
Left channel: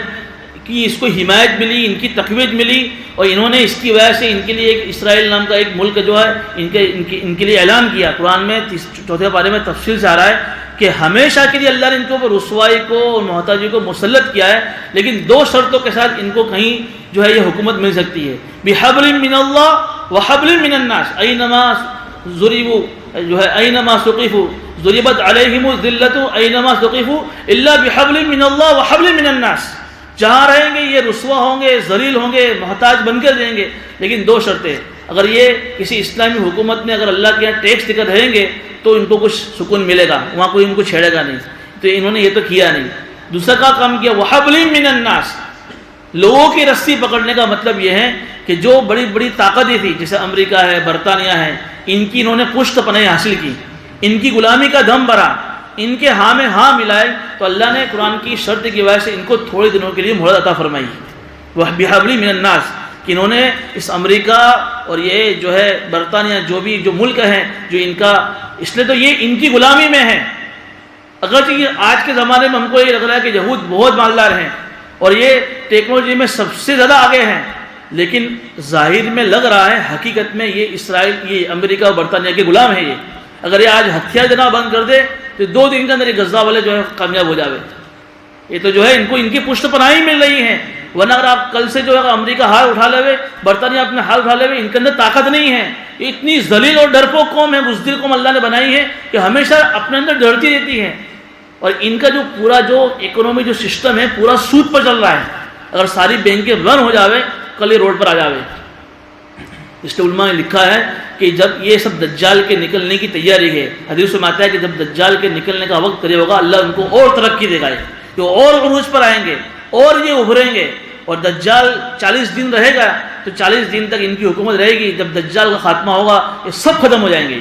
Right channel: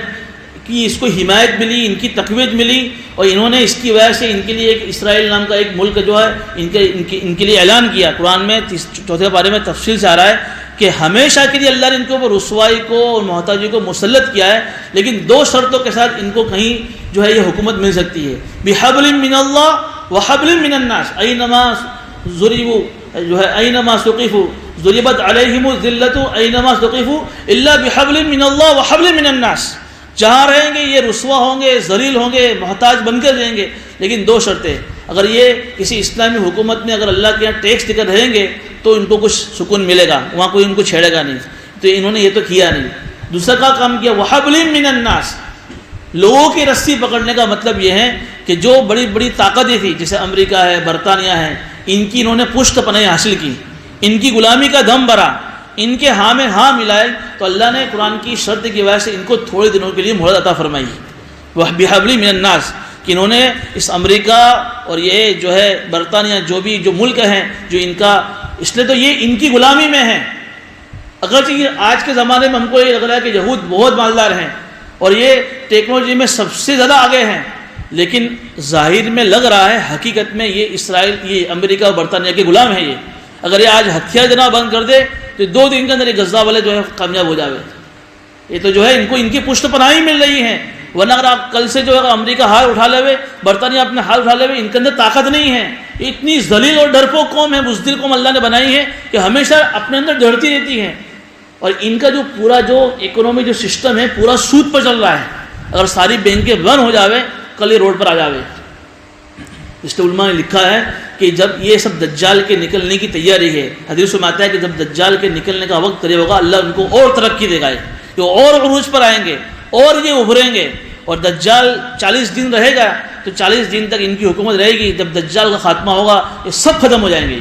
کہ اس کو حمایت ملی، ان کی تقویت ملی، اور انہوں نے اس کی وجہ سے ان کے لیے ایک اسرائیل نام کا ایک ملک جو ہے ان کے لیے اعلان کیا۔ قرآن میں 4 پارے میں تفصیل سے آ رہا ہے کہ ہمیشہ کے لیے اللہ نے ان کے اوپر رسوائی کو اور محتاجی کو مسلط کیا ہے، لیکن 2 شرطوں کے ساتھ ان کو کہیں جو ہے یہ حکومت مل سکتی ہے، بِحَبْلٍ مِّنَ اللَّهِ، وحبل من الناس اینما ضربوا جو ہے اینما ثقفوا ضربت علیہم الذلۃ اینما ثقفوا الا بحبل من اللہ وحبل من الناس. جہاں رہیں گے یہ رسوا ہوں گے، ذلیل ہوں گے، محتاج بن کر رہیں گے، لیکن دو شرطیں. اگر یہ کسی اسلامی حکومت میں اگر اللہ کے یہاں ٹیکس دے کر رہیں گے تو ان کو کچھ سکون ملے گا، وہاں کوئی ان کو چھیڑے گا نہیں. تو انہوں نے یہ تو کیا نہیں. دوسرا کا کام کیا، وحبل من الناس. لوگوں کی رسی پکڑنے کا مطلب یہ ہے کہ جو بڑی بڑی طاقتیں تھیں جیسے امریکہ ہے، برطانیہ ہے، ان کی انہوں نے پشت پناہی حاصل کی، ان کی غلامی کا دم بھرا، ان کے ہاں میں ہاں ملائے، تو اللہ نے قرآن کی شرط کی وجہ سے ان کو تھوڑے دنوں کے لیے مہلت عطا فرمائی. بحبل من الناس کہ انہوں نے اس امریکہ اور یہ جو ہے برطانیہ جو ملک ہیں جو ان کا، اس لیے تو یہ ان کی غلامی میں ہیں. اگرچہ یہ آج کے زمانے میں ہم کو یہ لگ رہا ہے کہ یہود بہت مالدار ہیں اور یہ ٹیکنالوجی میں سب سے زیادہ آگے ہیں، لیکن ظاہر میں لگ رہا ہے حقیقت میں یہ اسرائیل، یہ امریکہ اور برطانیہ کے غلام ہیں. یہ اگر یہ آج ہتھیار دینا بند کر دے تو 2 دن کے اندر یہ غزہ والے جو ہے کامیاب ہو جاوے. یہ تو جو ہے ان کو ان کی پشت پناہی مل رہی ہے. ورنہ اگر آپ کل سے جو ہے امریکہ ہاتھ اٹھا لے، برطانیہ اپنے ہاتھ اٹھا لے، ان کے اندر طاقت نہیں ہے. یہ اتنی ذلیل اور ڈرپوک قوم ہے، بزدل قوم اللہ نے بنائی ہے کہ ہمیشہ اپنے اندر ڈرتی رہتی ہے. اور ان کا جو پورا جو اکنومی جو سسٹم ہے پورا سود پر چل رہا ہے. اگر ساری بینکیں بند ہو جاوے کل یہ روڈ پر آ جاوے. اس لیے علماء نے لکھا ہے کہ جب یہ سب دجال کے نکلنے کی تیاری ہے، حدیث میں آتا ہے کہ جب دجال کے نکلنے کا وقت قریب ہوگا اللہ ان کو اور ترقی دے گا، کہ اور عروج پر آئیں گے اور یہ ابھریں گے. اور دجال 40 دن رہے گا تو 40 دن تک ان کی حکومت رہے گی. جب دجال کا خاتمہ ہوگا یہ سب ختم ہو جائیں گے،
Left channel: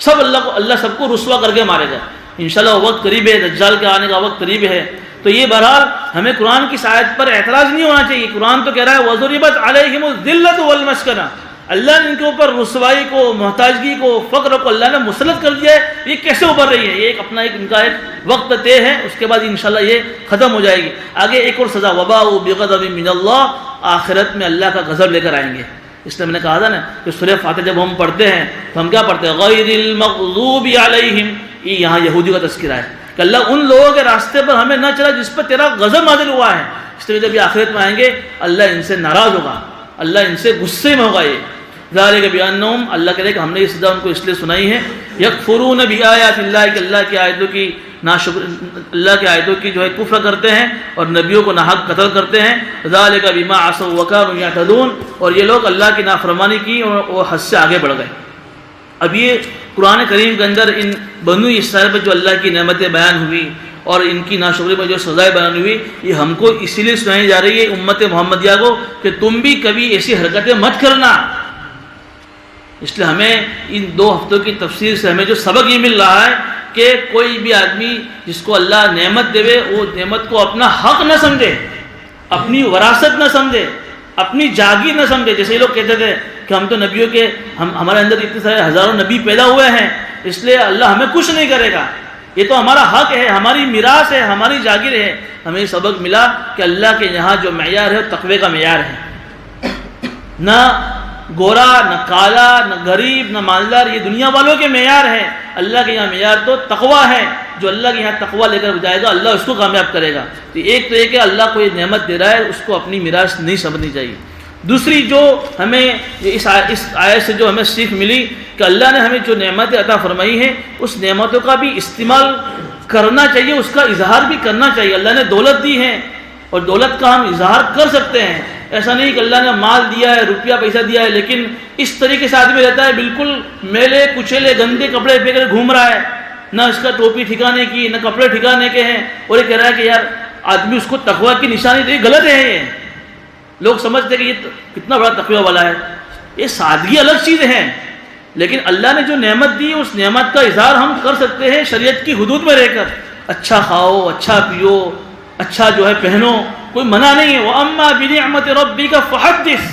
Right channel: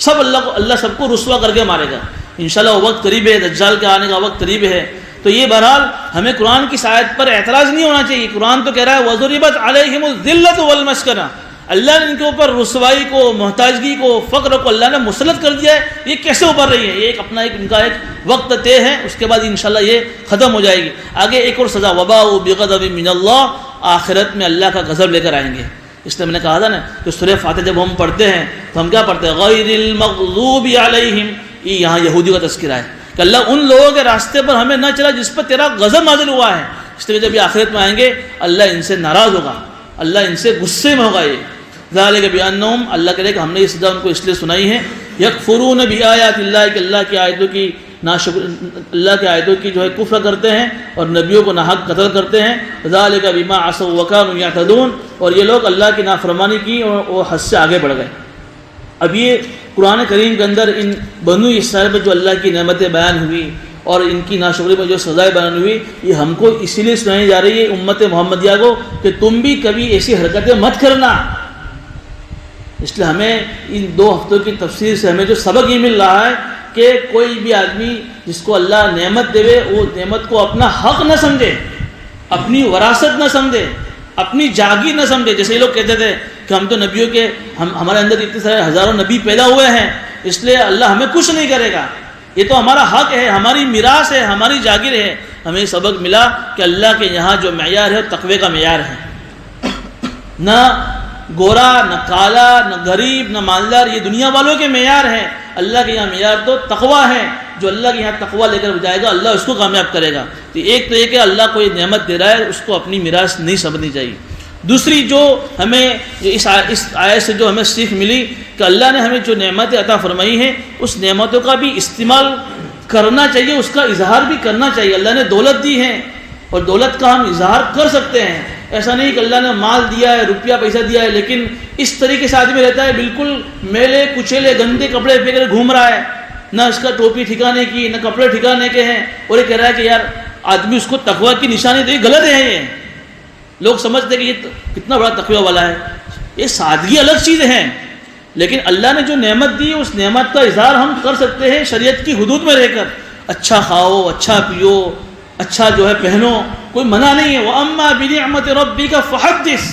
سب اللہ سب کو رسوا کر کے مارے گا. انشاءاللہ وقت قریب ہے، دجال کے آنے کا وقت قریب ہے. تو یہ بہرحال ہمیں قرآن کی آیت پر اعتراض نہیں ہونا چاہیے. قرآن تو کہہ رہا ہے وَضُرِبَتْ عَلَيْهِمُ الذِّلَّةُ وَالْمَسْكَنَةُ. اللہ نے ان کے اوپر رسوائی کو، محتاجگی کو، فقر کو اللہ نے مسلط کر دیا ہے. یہ کیسے ابھر رہی ہے؟ یہ ایک اپنا ان کا ایک وقت طے ہے، اس کے بعد انشاءاللہ یہ ختم ہو جائے گی. آگے ایک اور سزا، وَبَاءُ بِغَضَبٍ مِّنَ اللَّهِ. آخرت میں اللہ کا غضب لے کر آئیں گے. اس لیے میں نے کہا تھا نا کہ سورہ فاتحہ جب ہم پڑھتے ہیں تو ہم کیا پڑھتے ہیں؟ غَيْرِ الْمَغْضُوبِ عَلَيْهِمْ. یہ یہاں یہودیوں کا تذکرہ ہے کہ اللہ ان لوگوں کے راستے پر ہمیں نہ چلا جس پر تیرا غضب نازل ہوا ہے. اس لیے جب یہ آخرت میں آئیں گے اللہ ان سے ناراض ہوگا، اللہ ان سے غصے میں ہوگا. یہ ذالک بانہم، اللہ کہے کہ ہم نے یہ سزا ان کو اس لیے سنائی ہے، یکفرون بآیات اللہ، کہ اللہ کی آیتوں کی اللہ کی آیتوں کی جو ہے کفر کرتے ہیں اور نبیوں کو ناحق قتل کرتے ہیں. ذالک بما عصوا وکانوا یعتدون. اور یہ لوگ اللہ کی نافرمانی کی اور وہ حد سے آگے بڑھ گئے. اب یہ قرآن کریم کے اندر ان بنو اسرائیل پر جو اللہ کی نعمتیں بیان ہوئی اور ان کی ناشکری میں جو سزائیں بیان ہوئی، یہ ہم کو اسی لیے سنائی جا رہی ہے امت محمدیہ کو کہ تم بھی کبھی ایسی حرکتیں مت کرنا. اس لیے ہمیں ان 2 ہفتوں کی تفسیر سے ہمیں جو سبق یہ مل رہا ہے کہ کوئی بھی آدمی جس کو اللہ نعمت دے وہ نعمت کو اپنا حق نہ سمجھے، اپنی وراثت نہ سمجھے، اپنی جاگیر نہ سمجھے. جیسے یہ لوگ کہتے تھے کہ ہم تو نبیوں کے ہمارے اندر اتنے سارے ہزاروں نبی پیدا ہوئے ہیں اس لیے اللہ ہمیں کچھ نہیں کرے گا، یہ تو ہمارا حق ہے، ہماری میراث ہے، ہماری جاگیر ہے. ہمیں سبق ملا کہ اللہ کے یہاں جو معیار ہے تقوی کا معیار ہے. نہ گورا، نہ کالا، نہ غریب، نہ مالدار، یہ دنیا والوں کے معیار ہیں. اللہ کے یہاں معیار تو تقوی ہے. جو اللہ کے یہاں تقوی لے کر جائے گا اللہ اس کو کامیاب کرے گا. تو ایک تو یہ کہ اللہ کوئی نعمت دے رہا ہے اس کو اپنی میراث نہیں سمجھنی چاہیے. دوسری جو ہمیں اس آیت سے جو ہمیں سیکھ ملی کہ اللہ نے ہمیں جو نعمتیں عطا فرمائی ہیں اس نعمتوں کا بھی استعمال کرنا چاہیے، اس کا اظہار بھی کرنا چاہیے. اللہ نے دولت دی ہے اور دولت کا ہم اظہار کر سکتے ہیں. ایسا نہیں کہ اللہ نے مال دیا ہے، روپیہ پیسہ دیا ہے، لیکن اس طریقے سے آدمی رہتا ہے بالکل میلے کچیلے گندے کپڑے پہن کر گھوم رہا ہے، نہ اس کا ٹوپی ٹھکانے کی، نہ کپڑے ٹھکانے کے ہیں، اور یہ کہہ رہا ہے کہ یار آدمی اس کو تقوی کی نشانی دے. غلط ہے. یہ لوگ سمجھتے کہ یہ کتنا بڑا تقوی والا ہے. یہ سادگی الگ چیز ہے، لیکن اللہ نے جو نعمت دی اس نعمت کا اظہار ہم کر سکتے ہیں شریعت کی حدود میں رہ کر. اچھا کھاؤ، اچھا پیو، اچھا جو ہے پہنو، کوئی منع نہیں ہے. وَأَمَّا بِنِعْمَةِ رَبِّكَ فَحَدِّثْ،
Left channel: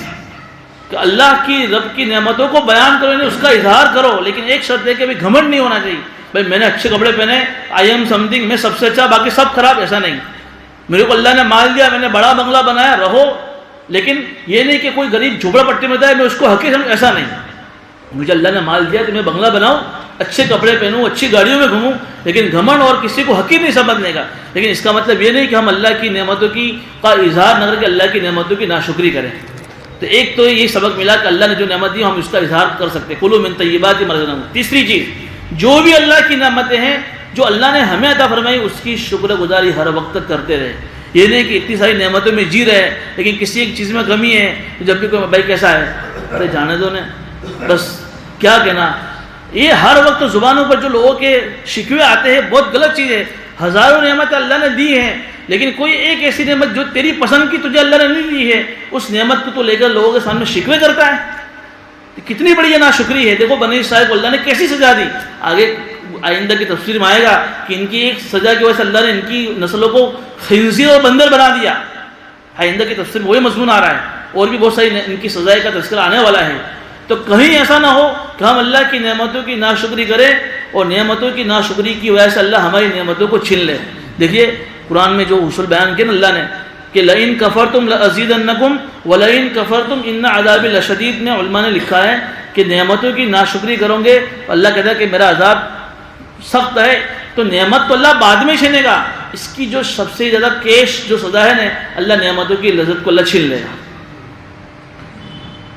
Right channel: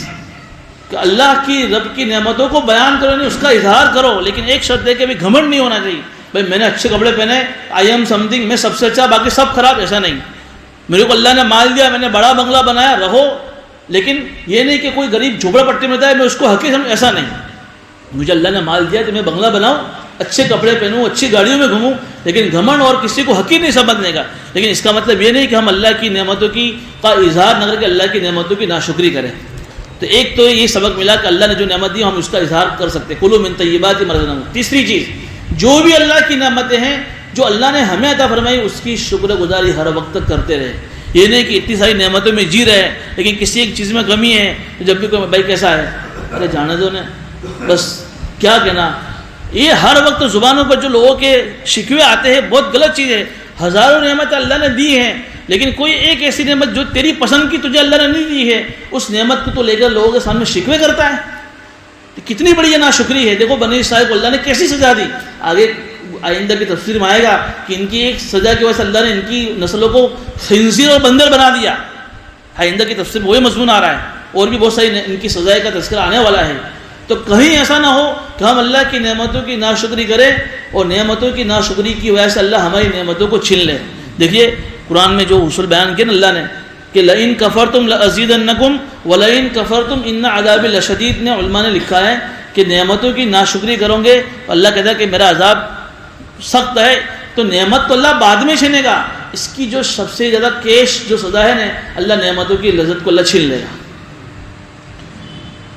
کہ اللہ کی رب کی نعمتوں کو بیان کرو، اس کا اظہار کرو. لیکن ایک شرط ہے کہ ابھی گھمنڈ نہیں ہونا چاہیے. بھائی میں نے اچھے کپڑے پہنے، آئی ایم سم تھنگ، میں سب سے اچھا باقی سب خراب، ایسا نہیں. میرے کو اللہ نے مال دیا، میں نے بڑا بنگلہ بنایا، رہو، لیکن یہ نہیں کہ کوئی غریب جھوپڑا پٹی میں ہے میں اس کو حقیر سمجھ، ایسا نہیں. مجھے اللہ نے مال دیا تو میں بنگلہ بناؤں، اچھے کپڑے پہنوں، اچھی گاڑیوں میں گھوموں، لیکن گھمنڈ اور کسی کو حقیر نہیں سمجھنے کا. لیکن اس کا مطلب یہ نہیں کہ ہم اللہ کی نعمتوں کی کا اظہار نہ کر کے اللہ کی نعمتوں کی ناشکری کریں. تو ایک تو یہ سبق ملا کہ اللہ نے جو نعمت دی ہم اس کا اظہار کر سکتے، کلوا من طیبات ما رزقناکم۔ تیسری چیز، جو بھی اللہ کی نعمتیں ہیں جو اللہ نے ہمیں عطا فرمائی اس کی شکر گزاری ہر وقت کرتے رہے۔ یہ نہیں کہ اتنی ساری نعمتوں میں جی رہے لیکن کسی ایک چیز میں کمی ہے تو جب بھی کوئی بھائی کیسا ہے، ارے جانے دو نے، بس کیا کہنا۔ یہ ہر وقت زبانوں پر جو لوگوں کے شکوے آتے ہیں بہت غلط چیز ہے۔ ہزاروں نعمتیں اللہ نے دی ہیں لیکن کوئی ایک ایسی نعمت جو تیری پسند کی تجھے اللہ نے نہیں دی ہے اس نعمت کو تو لے کر لوگوں کے سامنے شکوے کرتا ہے، کتنی بڑی یہ ناشکری ہے۔ دیکھو بنی اسرائیل کو اللہ نے کیسی سزا دی، آگے آئندہ کی تفسیر میں آئے گا کہ ان کی ایک سزا کی وجہ سے اللہ نے ان کی نسلوں کو خنزیر اور بندر بنا دیا۔ آئندہ کی تفسیر میں وہی مضمون آ رہا ہے، اور بھی بہت ساری ان کی سزائے کا تذکرہ آنے والا ہے۔ تو کہیں ایسا نہ ہو کہ ہم اللہ کی نعمتوں کی ناشکری کریں اور نعمتوں کی ناشکری کی وجہ سے اللہ ہماری نعمتوں کو چھین لے۔ دیکھیے قرآن میں جو اصول بیان کیا نا اللہ نے کہ لئن کفرتم لازیدنکم ولئن کفرتم ان عذاب لشدید، میں علماء نے لکھا ہے کہ نعمتوں کی ناشکری کرو گے اللہ کہتا ہے کہ میرا عذاب سخت ہے، تو نعمت تو اللہ بعد میں چھینے گا، اس کی جو سب سے زیادہ کیش جو سزا ہے نا اللہ نعمتوں کی لذت کو اللہ چھین لے گا۔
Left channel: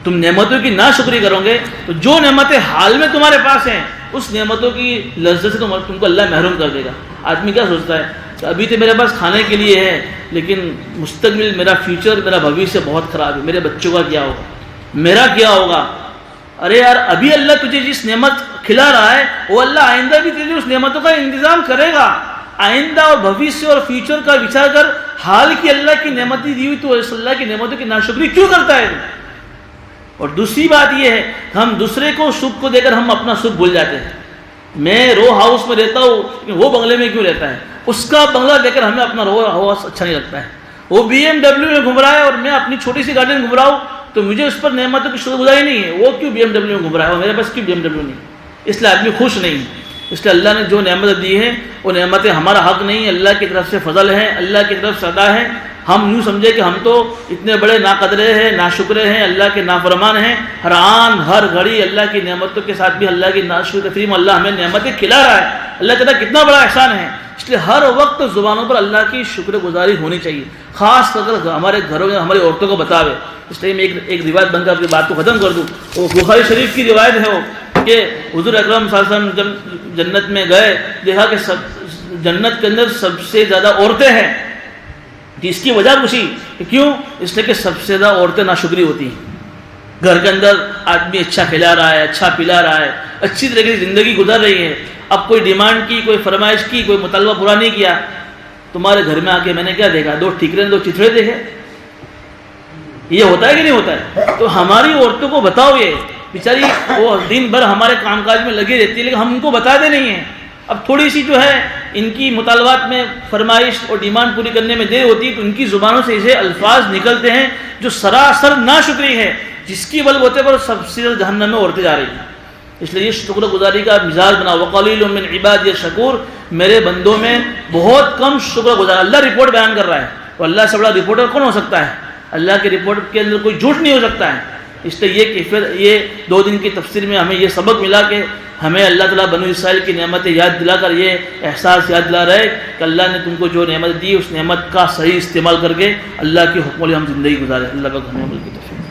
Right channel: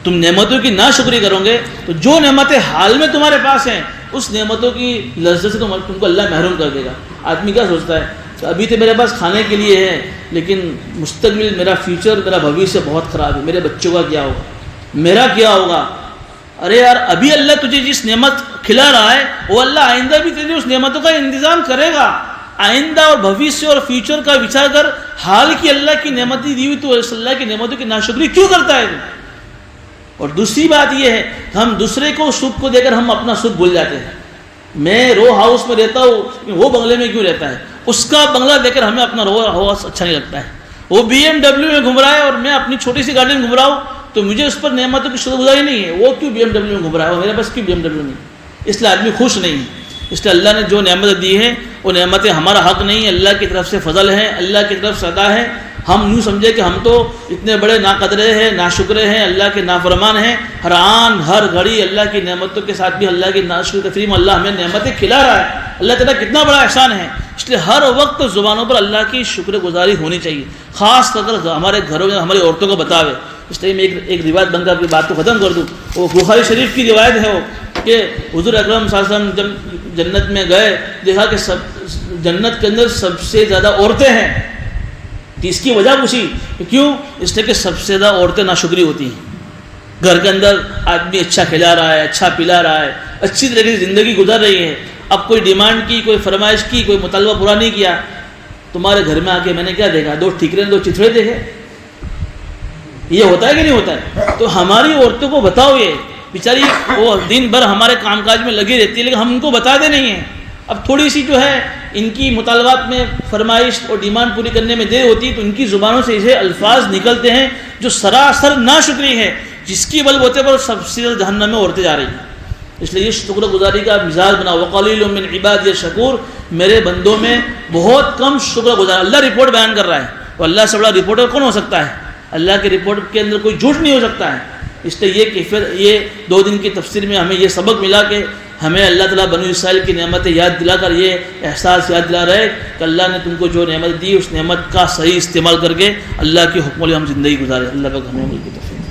تم نعمتوں کی ناشکری کرو گے تو جو نعمتیں حال میں تمہارے پاس ہیں اس نعمتوں کی لذت سے تم کو اللہ محروم کر دے گا۔ آدمی کیا سوچتا ہے کہ ابھی تو میرے پاس کھانے کے لیے ہے لیکن مستقبل میرا فیوچر میرا بھویشیہ بہت خراب ہے، میرے بچوں کا کیا ہوگا، میرا کیا ہوگا۔ ارے یار ابھی اللہ تجھے جس نعمت کھلا رہا ہے وہ اللہ آئندہ بھی تجھے اس نعمتوں کا انتظام کرے گا۔ آئندہ اور بھویشیہ اور فیوچر کا وچار کر، حال کی اللہ کی نعمتیں دی ہوئی تو اس اللہ کی نعمتوں کی ناشکری کیوں کرتا ہے؟ اور دوسری بات یہ ہے کہ ہم دوسرے کو سکھ کو دے کر ہم اپنا سکھ بھول جاتے ہیں۔ میں رو ہاؤس میں رہتا ہوں، وہ بنگلے میں کیوں رہتا ہے؟ اس کا بنگلہ دے کر ہمیں اپنا رو ہاؤس اچھا نہیں لگتا ہے۔ وہ BMW میں گھوم رہا ہے اور میں اپنی چھوٹی سی گاڑی میں گھوم رہا ہوں تو مجھے اس پر نعمتوں کی شکر گزاری نہیں ہے۔ وہ کیوں BMW میں گھوم رہا ہے اور میرے پاس کیوں BMW نہیں؟ اس لیے آدمی خوش نہیں ہے۔ اس لیے اللہ نے جو نعمتیں دی ہیں وہ نعمتیں ہمارا حق نہیں، اللہ کی طرف سے فضل ہے، اللہ کی طرف سے عطا ہے۔ ہم یوں سمجھے کہ ہم تو اتنے بڑے ناقدرے ہیں، ناشکرے ہیں، اللہ کے نافرمان ہیں، ہر آن ہر گھڑی اللہ کی نعمتوں کے ساتھ بھی اللہ کی ناشکری تفریم، اللہ ہمیں نعمتیں کھلا رہا ہے، اللہ تعالیٰ کتنا بڑا احسان ہے۔ اس لیے ہر وقت زبانوں پر اللہ کی شکر گزاری ہونی چاہیے، خاص طور پر ہمارے گھروں میں ہماری عورتوں کو بتاوے۔ اس لیے میں ایک روایت بن کر اپنی بات کو ختم کر دوں۔ وہ بخاری شریف کی روایت ہے وہ کہ حضور اکرم صلی اللہ علیہ وسلم جب جنت میں گئے دیکھا کہ جنت کے اندر سب سے زیادہ عورتیں ہیں۔ اس کی وجہ پوچھی کہ کیوں؟ اس لیے کہ سب سے زیادہ عورتیں ناشکری ہوتی ہیں۔ گھر کے اندر آدمی اچھا کھلا رہا ہے، اچھا پلا رہا ہے، اچھی طریقے سے زندگی گزر رہی ہے، اب کوئی ڈیمانڈ کی، کوئی فرمائش کی، کوئی مطالبہ پورا نہیں کیا، تمہارے گھر میں آ کے میں نے کیا دیکھا؟ دو ٹھیکرے، دو چتھڑے دیکھے۔ یہ ہوتا ہے کہ نہیں ہوتا ہے؟ تو ہماری عورتوں کو بتاؤ، یہ بیچاری وہ دن بھر ہمارے کام کاج میں لگی رہتی ہے لیکن ہم ان کو بتاتے نہیں ہیں۔ اب تھوڑی سی جو ہے ان کی مطالبات میں فرمائش اور ڈیمانڈ پوری کرنے میں دیر ہوتی ہے تو ان کی زبانوں سے ایسے الفاظ نکلتے ہیں جو سراسر ناشکری ہے، جس کی بل بوتے پر سب سے جہنم میں اڑتے جا رہی ہیں۔ اس لیے یہ شکر گزاری کا مزاج بنا، وقلیل من عبادی الشکور، میرے بندوں میں بہت کم شکر گزار۔ اللہ رپورٹ بیان کر رہا ہے، تو اللہ سے بڑا رپورٹر کون ہو سکتا ہے؟ اللہ کی رپورٹ کے اندر کوئی جھوٹ نہیں ہو سکتا ہے۔ اس لیے یہ کہ پھر یہ 2 دن کی تفسیر میں ہمیں یہ سبق ملا کہ ہمیں اللہ تعالیٰ بنو اسرائیل کی نعمتیں یاد دلا کر یہ احساس یاد دلا رہے کہ اللہ نے تم کو جو نعمت دی اس نعمت کا صحیح استعمال کر کے اللہ کے حکم علی ہم زندگی گزارے۔ اللہ کا گھنوں کی توفیق۔